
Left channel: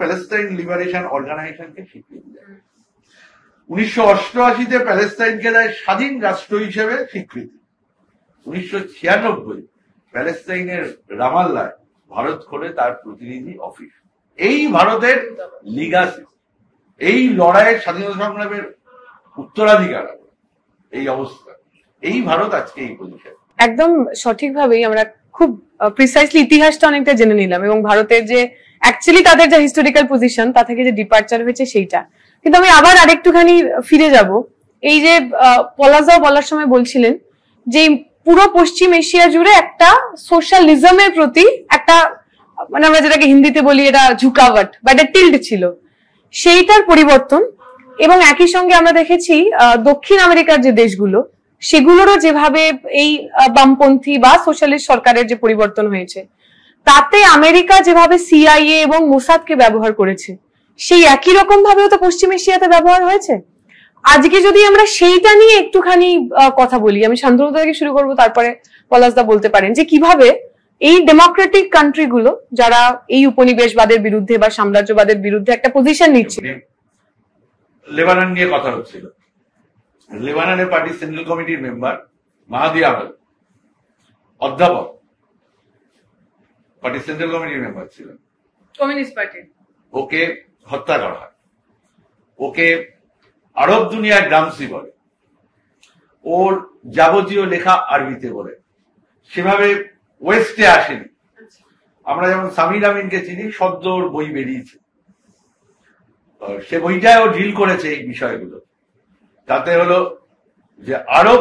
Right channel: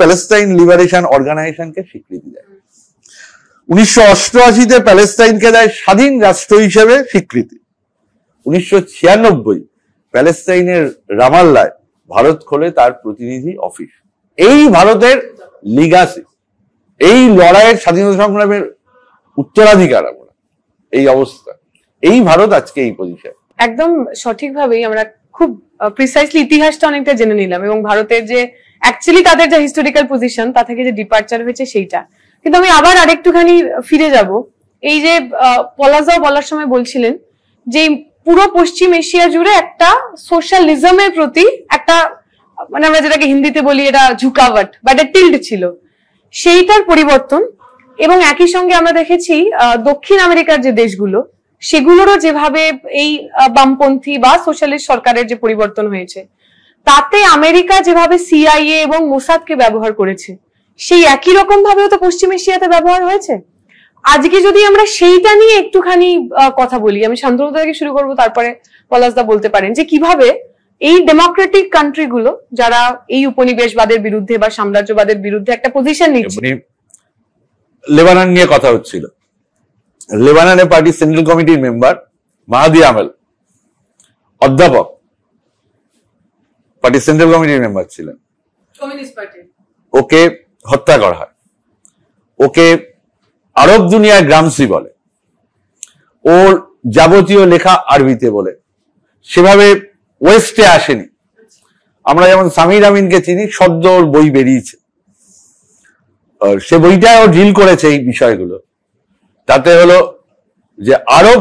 প্যালেস্টাইন লিবারেশন অর্গানাইজেশনকে স্বীকৃতি দেয়। 1988-তে প্যালেস্টাইনকে দেয় স্বাধীন রাষ্ট্র হিসেবে স্বীকৃতি। 1996 প্যালেস্টাইনের রামাল্লায় ভারত খোলে তার প্রতিনিধি অফিস। এই ভারতের লিগাসি, এই লড়াইয়ের স্বাধীনতা সংগ্রামের উত্তরাধিকার আমরা, এই অবস্থা, এই ভারত আজকে এই পজিশন। একদম সঠিকভাবেই আমরা খুব প্রিসাইসলি ইতিহাসটা অনেকটা জেনে নিলাম এবং ভারতের যে অ্যাকচুয়ালি তাদের যে হিস্টোরিক্যাল পজিশন তা থেকে যে ডিপার্চার হয়েছে সেইটা। কিন্তু আমি আবার আরেকটুখানি ফিরে যাব, এই যে পলাশদাও বলার সময় বলছিলেন যে পুরো পশ্চিম এশিয়া জুড়ে একটা সোশ্যালিজমের প্রতি একটা, মানে আমরা যেটাকে হিন্দিতে বলি এটা ঝুঁকাওয়াট বা একটা টিল্ড ছিল, সেইটার পরিবর্তন। এবং একই সঙ্গে আমরা দেখেছি দক্ষিণ আমেরিকার যে দেশগুলো সেগুলোরও যেভাবে এই বামপন্থী বা সোশ্যালিস্ট সরকারের যে পরিবর্তন হয়েছে, তাতে আমেরিকা যেভাবে সিআইএ এবং মোসাদকে ব্যবহার করেছে সেই একই রকম ভাবেও তো পশ্চিম এশিয়াতে ব্যবহার হয়েছে। আজকে যদি আমরা সেইটা নিয়ে একটুখানি কথা বলি, আমি শান্তনুদা থেকে শুরু করবো, তারপরে পলাশদা বলতে পারেন যে কিভাবে এই ডেমোক্রেটিক কান্ট্রিগুলো যারা এই উপনিবেশবাদের বিরুদ্ধে বা সাম্রাজ্যবাদের বিরুদ্ধে একটা পজিশন নিচ্ছে, লেবানন নিয়ে কথা হচ্ছিল, লেবাননের পার্টি সেন্ট্রাল কমিটির মেম্বার মাহাদি আমেল, অধ্যাপক, পার্টি সেন্ট্রাল কমিটির মেম্বার ছিলেন, কমিউনিস্ট পার্টি, ওকে হত্যা করা হয়। ওকে আরব দুনিয়ার গ্রামসি বলে, ওর যাবতীয় লেখা আরবিতে বলে, সেভাবে ওয়েস্টে আসেনি। আমরা যেমন সামির আমিনকে চিনি, সদ্য ওর বই বেরিয়েছে, সে বইটায় ও ডিল করেছে এই বিষয়গুলো। তাতে হলো যে আরব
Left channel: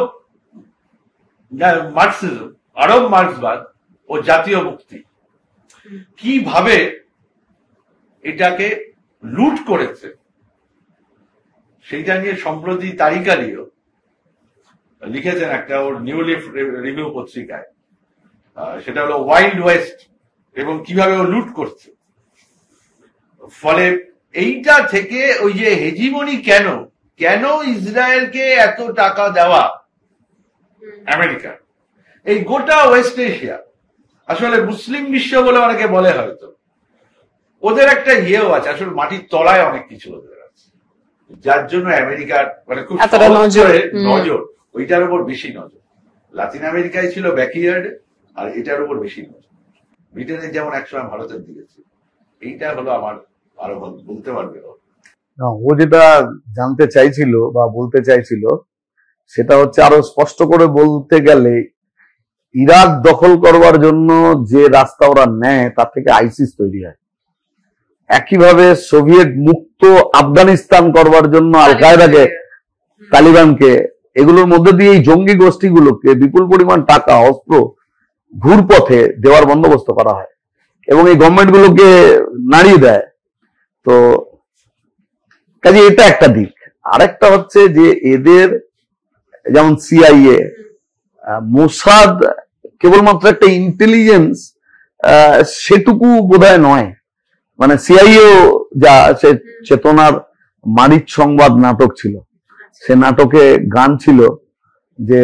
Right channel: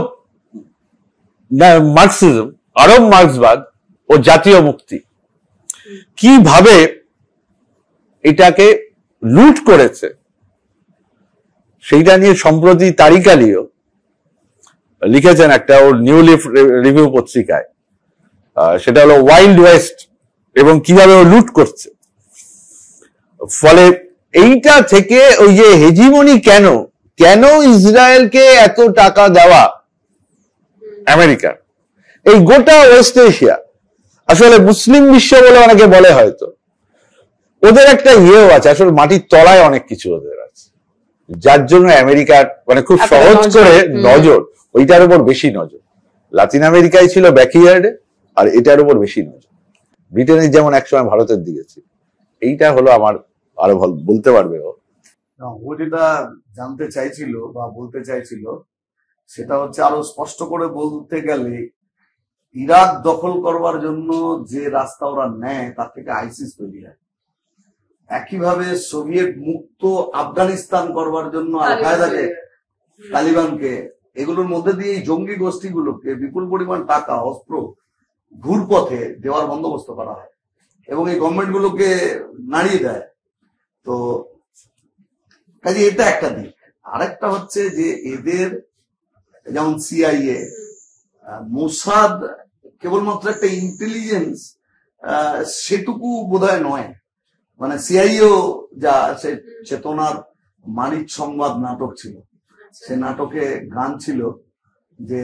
মার্কসিজম, আরব মার্ক্সবাদ ও জাতীয় মুক্তি কিভাবে এটাকে লুট করেছে সেইটা নিয়ে সম্প্রতি তারিক আলীও লিখেছেন একটা ওর নিউ লিফ রিভিউ পত্রিকায়। সেটা হলো ওয়াইল্ড ওয়েস্ট এবং কিভাবে ও লুট করছে। ফলে এইটা থেকে ওই যে হেজিমনি, কেন কেন ইসরায়েলকে এত টাকা দেওয়া আমেরিকা, এই গোটা ওয়েস্ট এশিয়া, আসলে মুসলিম বিশ্ব বলে অনেকে বলে, হয়তো ওদের একটা ইয়েও আছে, আসলে মাটির তলায় অনেক কিছু ওদের আছে, যার জন্য আমেরিকার মানে খুব সহজ করে নজর ওইটার উপর বেশি নজর। লাতিন আমেরিকায় ছিল ব্যাকইয়ার্ডে, আর এটার উপর বেশি নজর। ব্রিটেনের যেমন একসময় ভারতের দিকে ছিল। এইটা হলো আমার আরো বলতে পারবে ও যেটা জানতে চাইছিল বা বলতে চাইছিল, সেটা হচ্ছে আরো স্পষ্ট করে বলতে গেলে ইরাক দখল করবার জন্য যে রাস্তা ওরা নেয় তার থেকে আইসিস তৈরি হয়। একইভাবে সোভিয়েত মুক্ত আফগানিস্তান করবার জন্য আল কায়দাকে, তালিবানকে, এগুলোর মধ্যে দিয়ে এই জঙ্গি গোষ্ঠীগুলোকে বিপুল পরিমাণ টাকা, অস্ত্র ঘুরপথে দেওয়ার বন্দোবস্ত করা হয় এবং এই গভর্নমেন্টগুলোকে নাড়িয়ে দেয়। তো কাজে এটা একটা দিক। আরেকটা হচ্ছে যে এদের যেমন সিআইএ, মোসাদ কেবলমাত্র একটা ইন্টেলিজেন্স, সেটুকু বোধহয় নয়। মানে সিআইএও যা, সে চেতনার মারিচ সংবাদ নাটক ছিল, সে নাটকে গান ছিল যে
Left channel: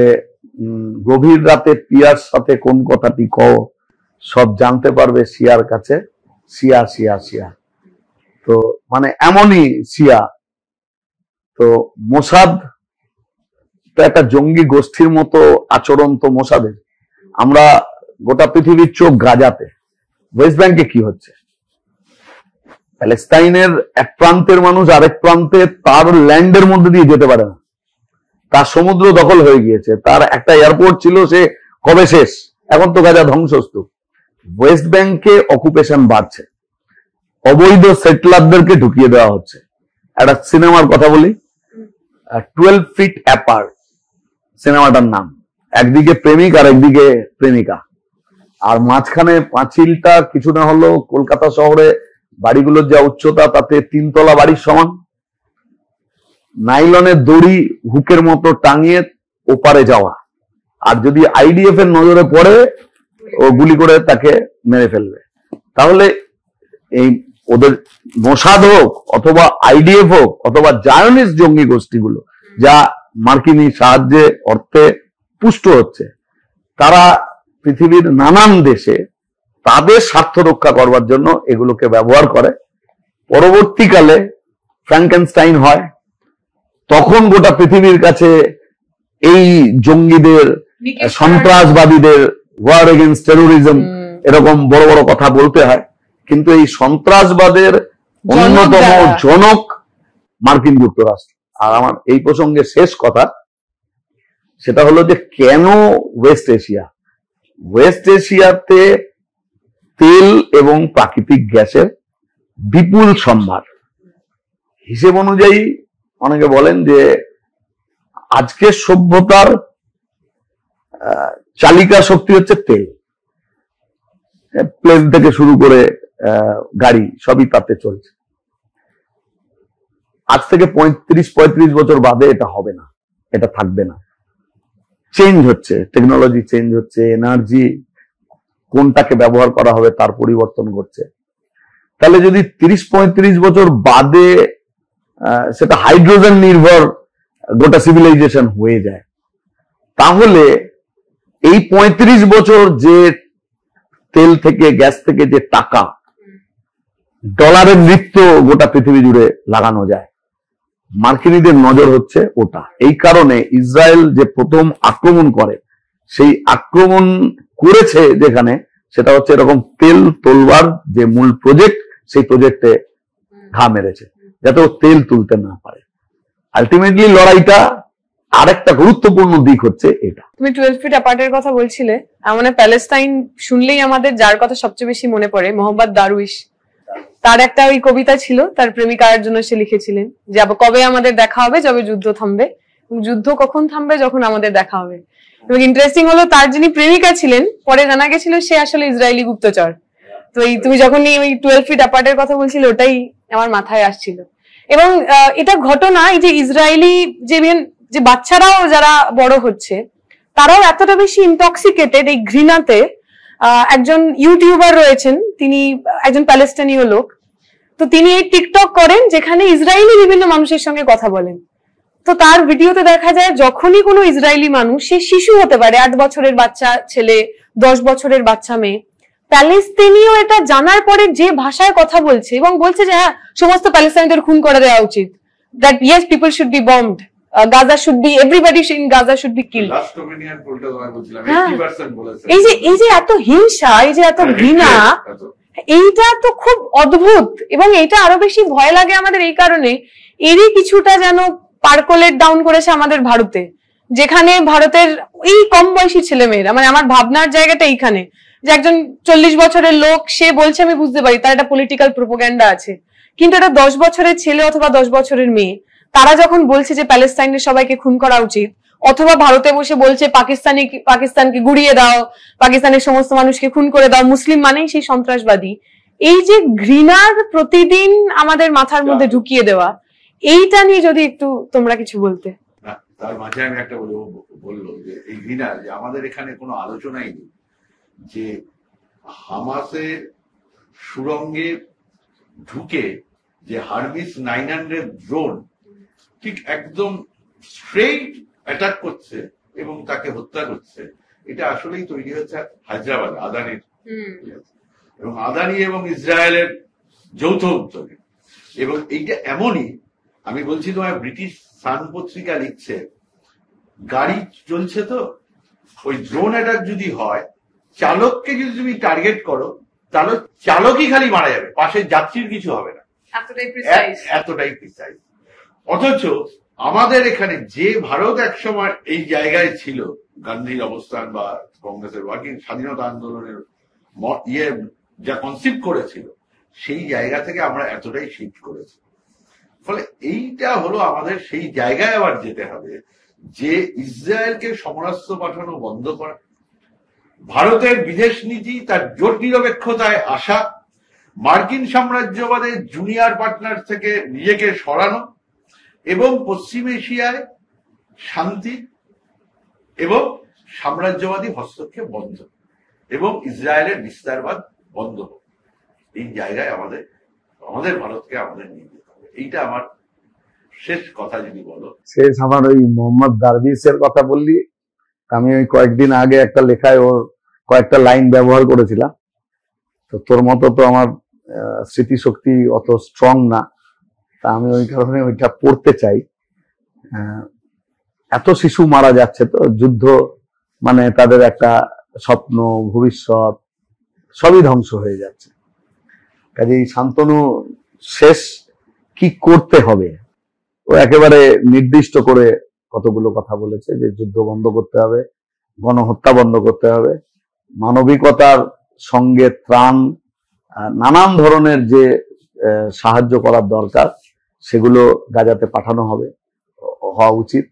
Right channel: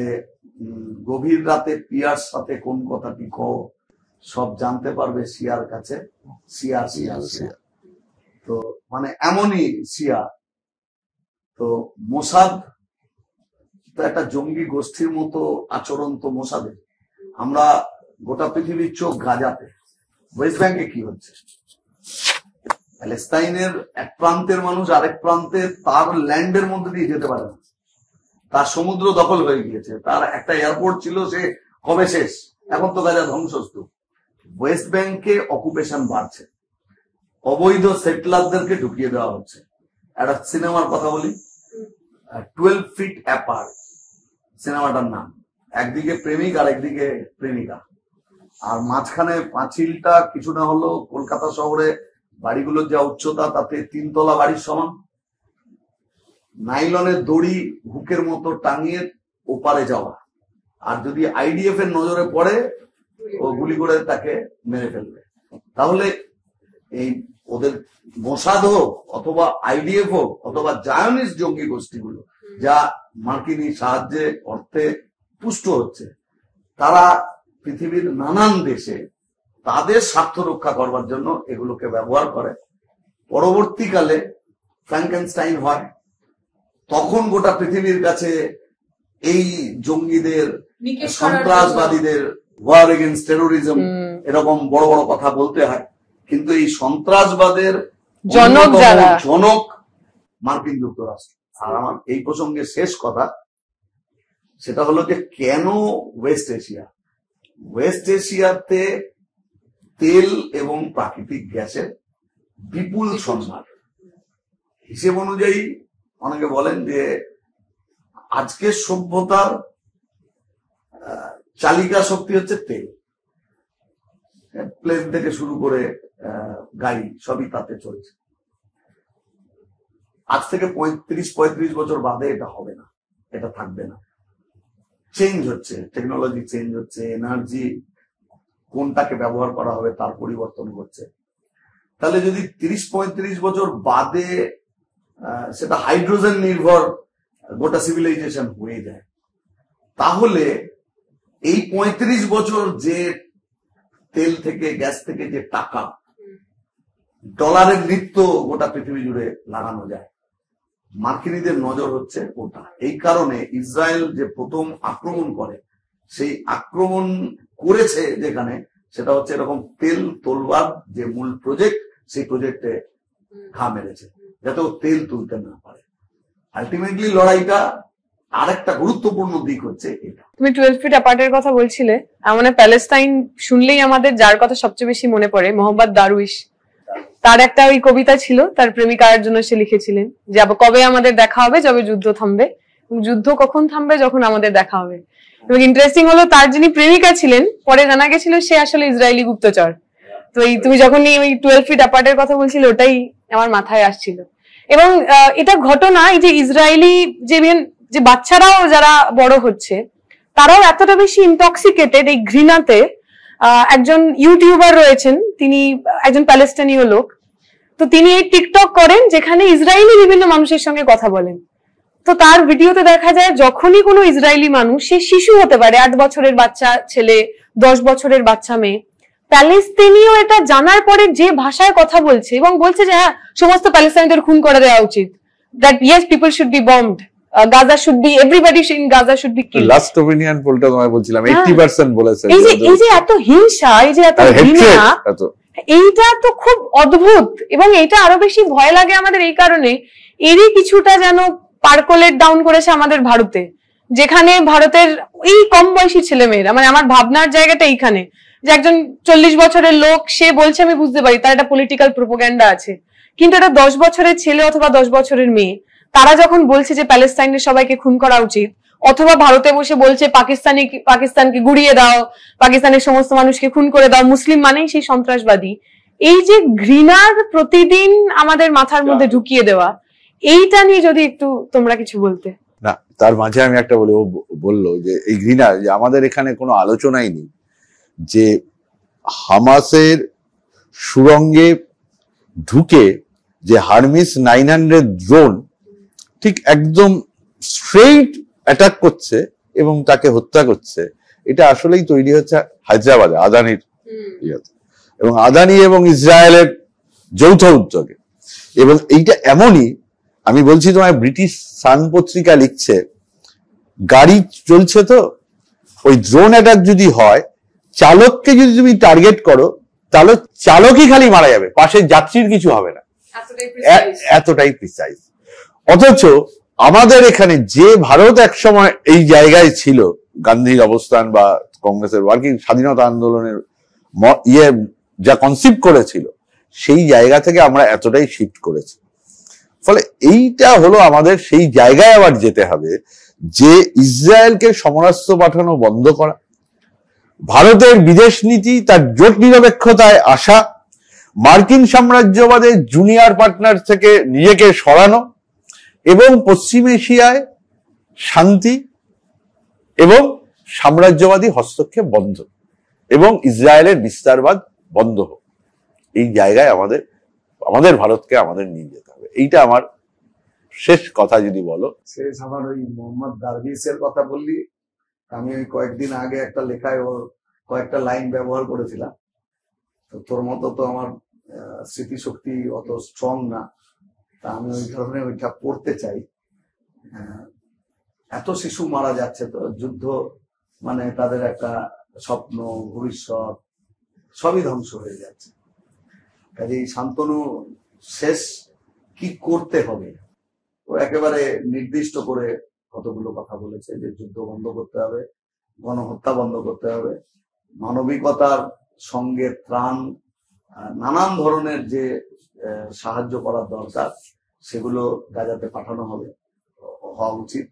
গভীর রাতে পিয়ার সাথে কোন কথাটি কও, সব জানতে পারবে সিয়ার কাছে, সিয়া সিয়া সিয়া। তো মানে এমনই সিয়া। তো মোসাদ তো একটা জঙ্গি গোষ্ঠীর মতো আচরণ তো মোসাদের। আমরা গোটা পৃথিবীর চোখ গাজাতে, ওয়েস্ট ব্যাংকে কি হচ্ছে, প্যালেস্তাইনের এক প্রান্তের মানুষ আরেক প্রান্তে তার ল্যান্ডের মধ্যে দিয়ে যেতে পারে না, তার সমুদ্র দখল হয়ে গিয়েছে, তার একটা এয়ারপোর্ট ছিল, সে কবে শেষ, এখন তো গাজা ধ্বংসস্তূপ। ওয়েস্ট ব্যাংকে অকুপেশন বাড়ছে, অবৈধ সেটলারদেরকে ঢুকিয়ে দেওয়া হচ্ছে। একটা সিনেমার কথা বলি, 12 ফিট অ্যাপার্ট সিনেমাটার নাম। একদিকে প্রেমিক আর একদিকে প্রেমিকা, আর মাঝখানে পাঁচিলটা কিছু না হলেও কলকাতা শহরে বাড়িগুলোর যা উচ্চতা তাতে 3 তলা বাড়ির সমান। নাইলনের দড়ি হুকের মতো টাঙিয়ে ওপারে যাওয়া, আর যদি আইডিএফ এর নজরে পড়ে ও গুলি করে তাকে মেরে ফেলবে। তাহলে এই ওদের মোসাদ হোক অথবা আইডিএফ হোক অথবা জায়নিস্ট জঙ্গি গোষ্ঠীগুলো যা মার্কিনী সাহায্যে অর্থে পুষ্ট হচ্ছে, তারা পৃথিবীর নানান দেশে তাদের স্বার্থ রক্ষা করবার জন্য এগুলোকে ব্যবহার করে। পরবর্তীকালে ফ্র্যাঙ্কেনস্টাইন হয়, তখন গোটা পৃথিবীর কাছে এই জঙ্গিদের, সন্ত্রাসবাদীদের, ওয়ার এগেইনস্ট টেরোরিজম এরকম বড় বড় কথা বলতে হয়, কিন্তু এই সন্ত্রাসবাদের জনক মার্কিন যুক্তরাষ্ট্র। আর আমার এই প্রসঙ্গে শেষ কথা, সেটা হলো যে কেন ওয়েস্ট এশিয়া, ওয়েস্ট এশিয়াতে তেল এবং প্রাকৃতিক গ্যাসের বিপুল সম্ভার। হিসেব অনুযায়ী অনেকে বলেন যে আজকের সভ্যতার চালিকা শক্তি হচ্ছে তেল। প্লেন থেকে শুরু করে গাড়ি সবই তাতে চলছে। আজ থেকে 35-35 বছর বাদে এটা হবে না, এটা থাকবে না। চেঞ্জ হচ্ছে, টেকনোলজি চেঞ্জ হচ্ছে, এনার্জি কোনটাকে ব্যবহার করা হবে তার পরিবর্তন ঘটছে। তাহলে যদি 30-35 বছর বাদে সেটা হাইড্রোজেন নির্ভর গোটা সিভিলাইজেশন হয়ে যায়, তাহলে এই 35 বছর যে তেল থেকে গ্যাস থেকে যে টাকা, ডলারের নৃত্য গোটা পৃথিবী জুড়ে লাগানো যায়, মার্কিনীদের নজর হচ্ছে ওটা। এই কারণে ইসরায়েল যে প্রথম আক্রমণ করে, সেই আক্রমণ করেছে যেখানে, সেটা হচ্ছে এরকম তেল তোলবার যে মূল প্রজেক্ট, সেই প্রজেক্টে ঘা মেরেছে, যাতে ও তেল তুলতে না পারে। আলটিমেটলি লড়াইটা আরেকটা গুরুত্বপূর্ণ দিক হচ্ছে এটা। তুমি 12 ফিট অ্যাপার্টের কথা বলছিলে, মানে প্যালেস্টাইন শুনলেই আমাদের যার কথা সবচেয়ে বেশি মনে পড়ে মোহাম্মদ দারউইশ। তার একটা ওই কবিতা ছিল, তার প্রেমিকার জন্য সে লিখেছিলেন যে কবে আমাদের দেখা হবে, যবে যুদ্ধ থামবে, যুদ্ধ কখন থামবে, যখন আমাদের দেখা হবে। এবং ইন্টারেস্টিং হলো, তার যিনি প্রেমিকা ছিলেন, পরে জানা গেছিল সে আসলে ইসরায়েলি গুপ্তচর। তো এই তুমি যখন ওই 12 ফিট অ্যাপার্টের কথা বলছিলে, ওটাই আমার মাথায় আসছিল। এবং এটা ঘটনা, এই যে ইসরায়েলি যে বাচ্চারাও যারা বড় হচ্ছে, তারাও এতটা বেশি ইনটক্সিকেটেড এই ঘৃণাতে। একজন ইউটিউবার রয়েছেন, তিনি একজন প্যালেস্টাইনীয় লোক। তো তিনি এই টিকটক করেন, যেখানে ইসরায়েলি বিভিন্ন মানুষের সঙ্গে কথা বলেন। তো তার ভিডিওতে দেখা যায়, যখনই কোনো ইসরায়েলি মানুষ, সে শিশু হতে পারে, 8 বছরের বাচ্চা ছেলে, 10 বছরের বাচ্চা মেয়ে, প্যালেস্তিনীয় এটা জানার পরে যে ভাষায় কথা বলছে, এবং বলছে যে হ্যাঁ, সমস্ত প্যালেস্টাইনদের খুন করে দেওয়া উচিত, that yes people should be bombed, Gaza should be, everybody in Gaza should be killed. Last opinion পোলটা তোমায় বলছিলাম 80% বলেছে। এই যে এত হিংসা, এই যে এত ঘৃণা, এইটা তো খুব অদ্ভুত। এবং এটা আরো বেশি ভয় লাগে আমাদের এই কারণে, এরই কিছুটা যেন পার্কোলেট ডাউন করেছে আমাদের ভারতে, যেখানে ভারতের এই কম বয়সী ছেলেমেয়েরা, মানে আমার ভাবনার জায়গাটা এইখানে, যে একজন 40 বছরের লোক, সে বলছে, আমি বুঝতে পারি তার একটা পলিটিক্যাল প্রোপাগান্ডা আছে, কিন্তু একটা 10 বছরের ছেলে অথবা 10 বছরের মেয়ে, তারা যখন বলছে যে প্যালেস্টাইনের সবাইকে খুন করা উচিত, অথবা ভারতে বসে বলছে পাকিস্তানকে গুড়িয়ে দাও, পাকিস্তানের সমস্ত মানুষকে খুন করে দাও, মুসলিম মানেই সেই সন্ত্রাসবাদী, এই যে ঘৃণার প্রতিদিন আমাদের মাথার মধ্যে ঢুকিয়ে দেওয়া, এইটা নিয়ে যদি একটু তোমরা কিছু বলতে। না, তার মাঝে আমি একটা বলি, ও বললো যে এই ঘৃণা, যে আমাদের এখানে কোনো আলোচনাই নেই যে হামাসের সুরঙ্গে ঢুকে যে হারমিস 900 ড্রোন ঠিক একদম স্ট্রেইট অ্যাটাক করছে এবং তাকে হত্যা করছে, এটা আসলেই তৈরি হচ্ছে হায়দ্রাবাদে আদানির ইয়েতে, এবং আদানি এবং ইসরায়েলের যৌথ উদ্যোগে। এবং এইটা এমনই, আমি বলছি তোমায়, ব্রিটিশ সান পত্রিকা লিখছে, গাড়ি চলছে তো, ওই ড্রোন অ্যাটাক যদি হয়, চালককে যদি তুমি টার্গেট করো, তাহলে চালকই খালি মারা যাবে, পাশের যাত্রীর কিছু হবে না, এতটাই প্রিসাইজ। অথচ আমাদের এখানে যে ভারত একসময় এই জায়গায় ছিল, গান্ধীর অবস্থান বা কংগ্রেসের ওয়ার্কিং স্বাধীনতা আন্দোলনের যা কনসিপ্ট করেছিল, সেই জায়গা থেকে আমরা এতটাই শিফট করেছি। ফলে এইটা হলো আমাদের সেই জায়গায় আবার যেতে হবে, যে ইসরায়েলকে সমরাস্ত্র পাঠানো বন্ধ করা, ভারতের বিদেশ নীতি তার জোট নিরপেক্ষতায় আসা, মার্কিন সাম্রাজ্যবাদের জুনিয়র পার্টনার থেকে নিজেকে সরানো, এবং পশ্চিম এশিয়ায় শান্তি এবং সাম্রাজ্যবাদী হস্তক্ষেপ বন্ধ, এবং ইসরায়েলের বিস্তারবাদ বন্ধ হোক। এই জায়গায় আমাদের ভারতকে আমাদের নিয়ে যেতে হবে। এইটা আমার শেষ কথা। যদি বলো, শেষ আমার ওই মোহাম্মদ দারবিশের কথা বললি, আমি ওই কয়েকদিন আগে একটা লেখায় ওর কয়েকটা লাইন ব্যবহার করেছিলাম। তো তোর মতো তো আমার স্মৃতিশক্তি অত স্ট্রং না, তা আমি ওই কারণে ওইটা পড়তে চাই। এত শিশু মারা যাচ্ছে, তো যুদ্ধ মানে তাদের একটা স্বপ্ন, ভবিষ্যৎ সবই ধ্বংস হয়ে যাচ্ছে। কাজেই শান্তনু শেষ কি করতে হবে, ও একেবারে নির্দিষ্ট করে কতগুলো কথা বলেছে, যে যুদ্ধ বন্ধ করতে হবে, গণহত্যা বন্ধ করতে হবে, মানবিকতার সঙ্গে ত্রাণ, নানান ধরনের যে সাহায্য করার দরকার, সেগুলো গাজাতে পাঠানো হওয়া উচিত।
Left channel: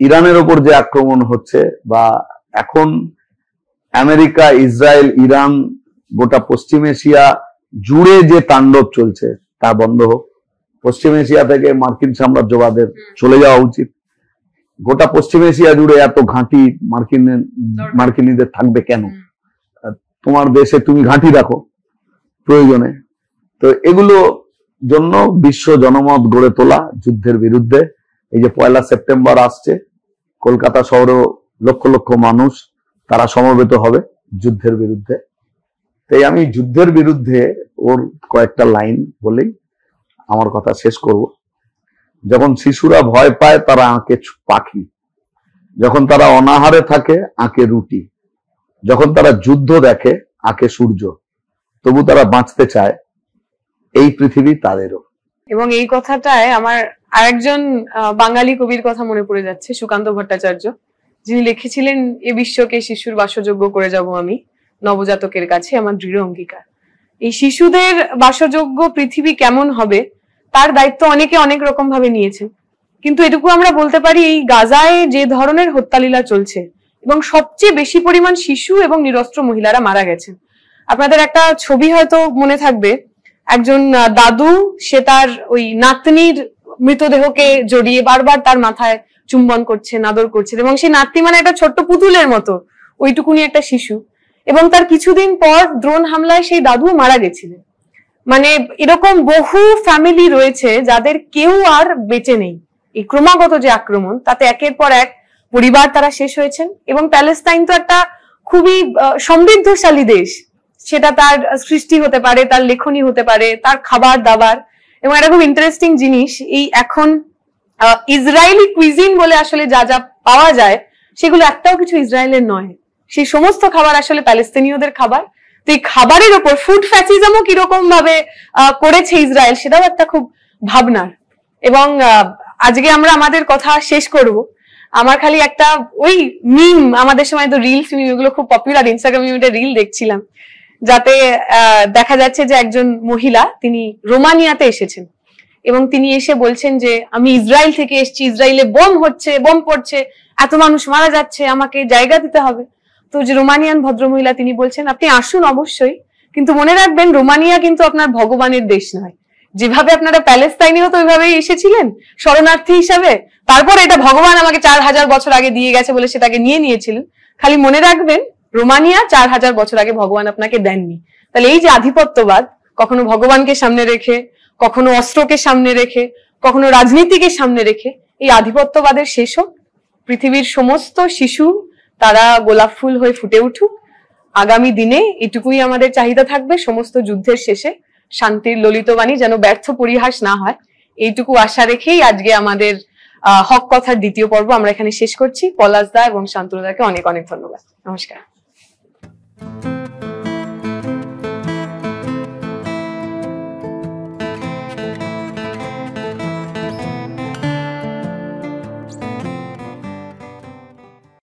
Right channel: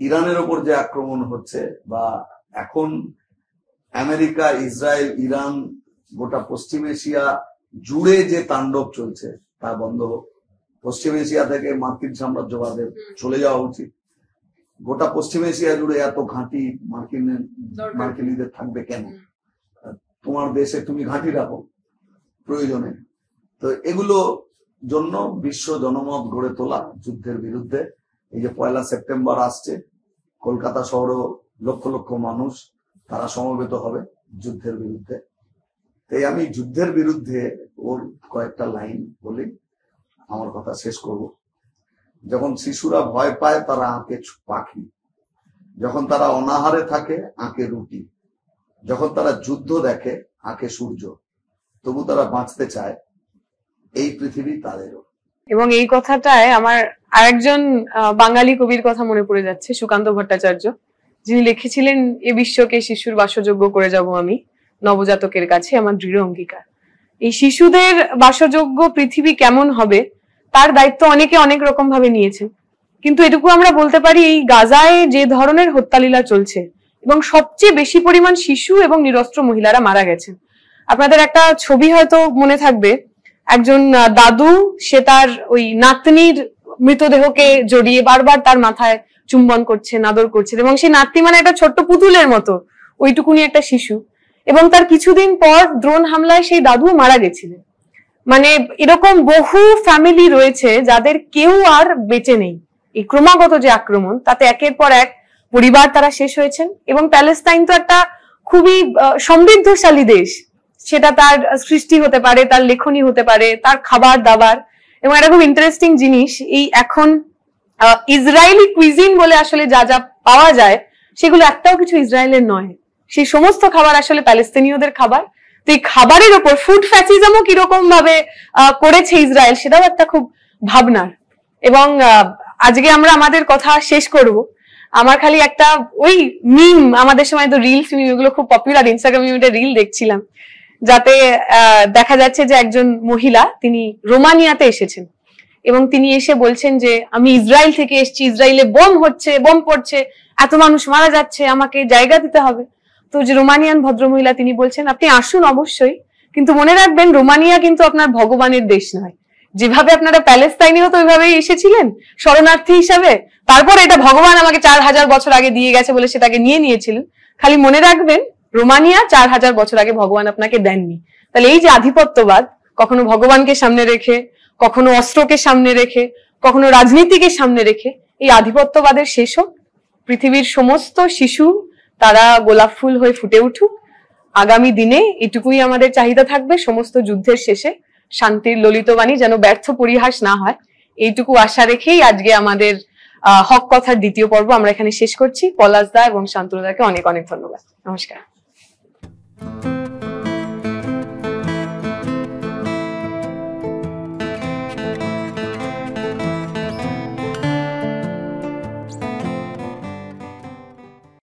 ইরানের ওপর যে আক্রমণ হচ্ছে, বা এখন আমেরিকা, ইসরায়েল, ইরান, গোটা পশ্চিম এশিয়া জুড়ে যে তাণ্ডব চলছে, তা বন্ধ হোক। পশ্চিম এশিয়া থেকে মার্কিন সাম্রাজ্যবাদের চলে যাওয়া উচিত। গোটা পশ্চিম এশিয়া জুড়ে এত ঘাঁটি মার্কিনীদের থাকবে কেন? তোমার দেশে তুমি ঘাঁটি রাখো প্রয়োজনে। তো এগুলো জন্য বিশ্ব জনমত গড়ে তোলা যুদ্ধের বিরুদ্ধে। এই যে 1 সেপ্টেম্বর আসছে, কলকাতা শহরেও লক্ষ লক্ষ মানুষ তারা সমবেত হবে যুদ্ধের বিরুদ্ধে। তাই আমি যুদ্ধের বিরুদ্ধে ওর কয়েকটা লাইন বলেই আমার কথা শেষ করব। যখন শিশুরা ভয় পায় তারা আঁকে পাখি, যখন তারা অনাহারে থাকে আঁকে রুটি, যখন তারা যুদ্ধ দেখে আঁকে সূর্য, তবু তারা বাঁচতে চায়, এই পৃথিবী তাদেরও। এবং এই কথাটায় আমার আরেকজন বাঙালি কবির কথা মনে পড়ে যাচ্ছে, সুকান্ত ভট্টাচার্য, যিনি লিখেছিলেন, এ বিশ্বকে শিশুর বাসযোগ্য করে যাব আমি, নবজাতকের কাছে আমার দৃঢ় অঙ্গীকার। এই শিশুদের বাসযোগ্য পৃথিবী কেমন হবে তার দায়িত্ব অনেকে অনেক রকম ভাবে নিয়েছেন, কিন্তু এটুকু আমরা বলতে পারি এই গাজায় যে ধরনের হত্যালীলা চলছে এবং সবচেয়ে বেশি পরিমাণ শিশু এবং নিরস্ত্র মহিলারা মারা গেছেন। আপনাদের একটা ছবি হয়তো মনে থাকবে, একজন দাদু, সে তার ওই নাতনির মৃতদেহকে জড়িয়ে বারবার তার মাথায় চুম্বন করছেন, আদর করছেন, এবং সেই নাতনি মানে একটা ছোট্ট পুতুলের মতো, ওইটুকুনি একটা শিশু, এবং তার কিছুদিন পর ড্রোন হামলায় সেই দাদু মারা গেছিলেন। মানে এরকম বহু ফ্যামিলি রয়েছে যাদের কেউ আর বেঁচে নেই। এই ক্রমাগত যে আক্রমণ, তাতে একের পর এক পরিবার তারা শেষ হয়েছেন। এবং প্যালেস্তাইন তো একটা খুবই সমৃদ্ধশালী দেশ, সেটা তার সৃষ্টি হতে পারে, তার লেখনী হতে পারে, তার খাবার দাবার। এবং এটা খুব ইন্টারেস্টিং জিনিস, এই এখন ইসরায়েলি কুইজিন বলে আসলে যা যা পাওয়া যায় সেগুলো একটাও কিছু ইসরায়েলের নয়, সেই সমস্ত খাবার আসলে প্যালেস্তিনীয়দের খাবার। তো এই খাবারের ওপর ফুড ফ্যাসিজমও কিরকম ভাবে করেছে ইসরায়েল, সেটাও একটা খুব ভাবনার। এবং আজকে আমরা আমাদের কথা শেষ করব। আমার খালি একটা ওই মিম, আমাদের সময় তো রিলস মিম, এগুলো খুব পপুলার, ইনস্টাগ্রামে একটা রিল দেখছিলাম, যাতে দেখা যাচ্ছে যে একজন মহিলা, তিনি রোমানিয়াতে এসেছেন এবং তিনি এসে বলছেন যে আমি ইসরায়েল থেকে এসেছি, ইসরায়েলে বোম হচ্ছে, বোম পড়ছে, এত মানুষ মারা যাচ্ছে, আমাকে জায়গা দিতে হবে। তো যে রোমানিয়ান ভদ্রমহিলা, তিনি বলছেন আপনি আসুন অবশ্যই, কিন্তু মনে রাখবেন রোমানিয়া কিন্তু আপনার ভগবানের দেশ নয়। যেভাবে আপনারা প্যালেস্তাইনেও তো ওইভাবেই এসেছিলেন শরণার্থী হিসাবে, তারপর এটা ভগবান আমাকে 4000 বছর আগে দিয়ে গেছে বলে সেটাকে নিয়ে নিয়েছিলেন। খালি মনে রাখবেন রোমানিয়া 4000 বছর আগে ভগবান আপনাকে দেননি। তাহলে এই যে আধিপত্যবাদ, কখনো ভগবানকে সামনে রেখে, কখনো অস্ত্রকে সামনে রেখে, কখনো রাজনীতিকে সামনে রেখে, এই আধিপত্যবাদের শেষ হোক। পৃথিবীর সমস্ত শিশু তারা গোলাপ ফুল হয়ে ফুটে উঠুক। আগামী দিনে এটুকুই আমাদের চাহিদা থাকবে, সমস্ত যুদ্ধের শেষে শান্তির ললিতবাণী যেন ব্যর্থ পরিহাস না হয়, এইটুকু আশা রেখেই আজকে আমাদের হক কথার দ্বিতীয় পর্ব আমরা এখানে শেষ করছি। পলাশ দা এবং শান্তনুদাকে অনেক অনেক ধন্যবাদ। নমস্কার।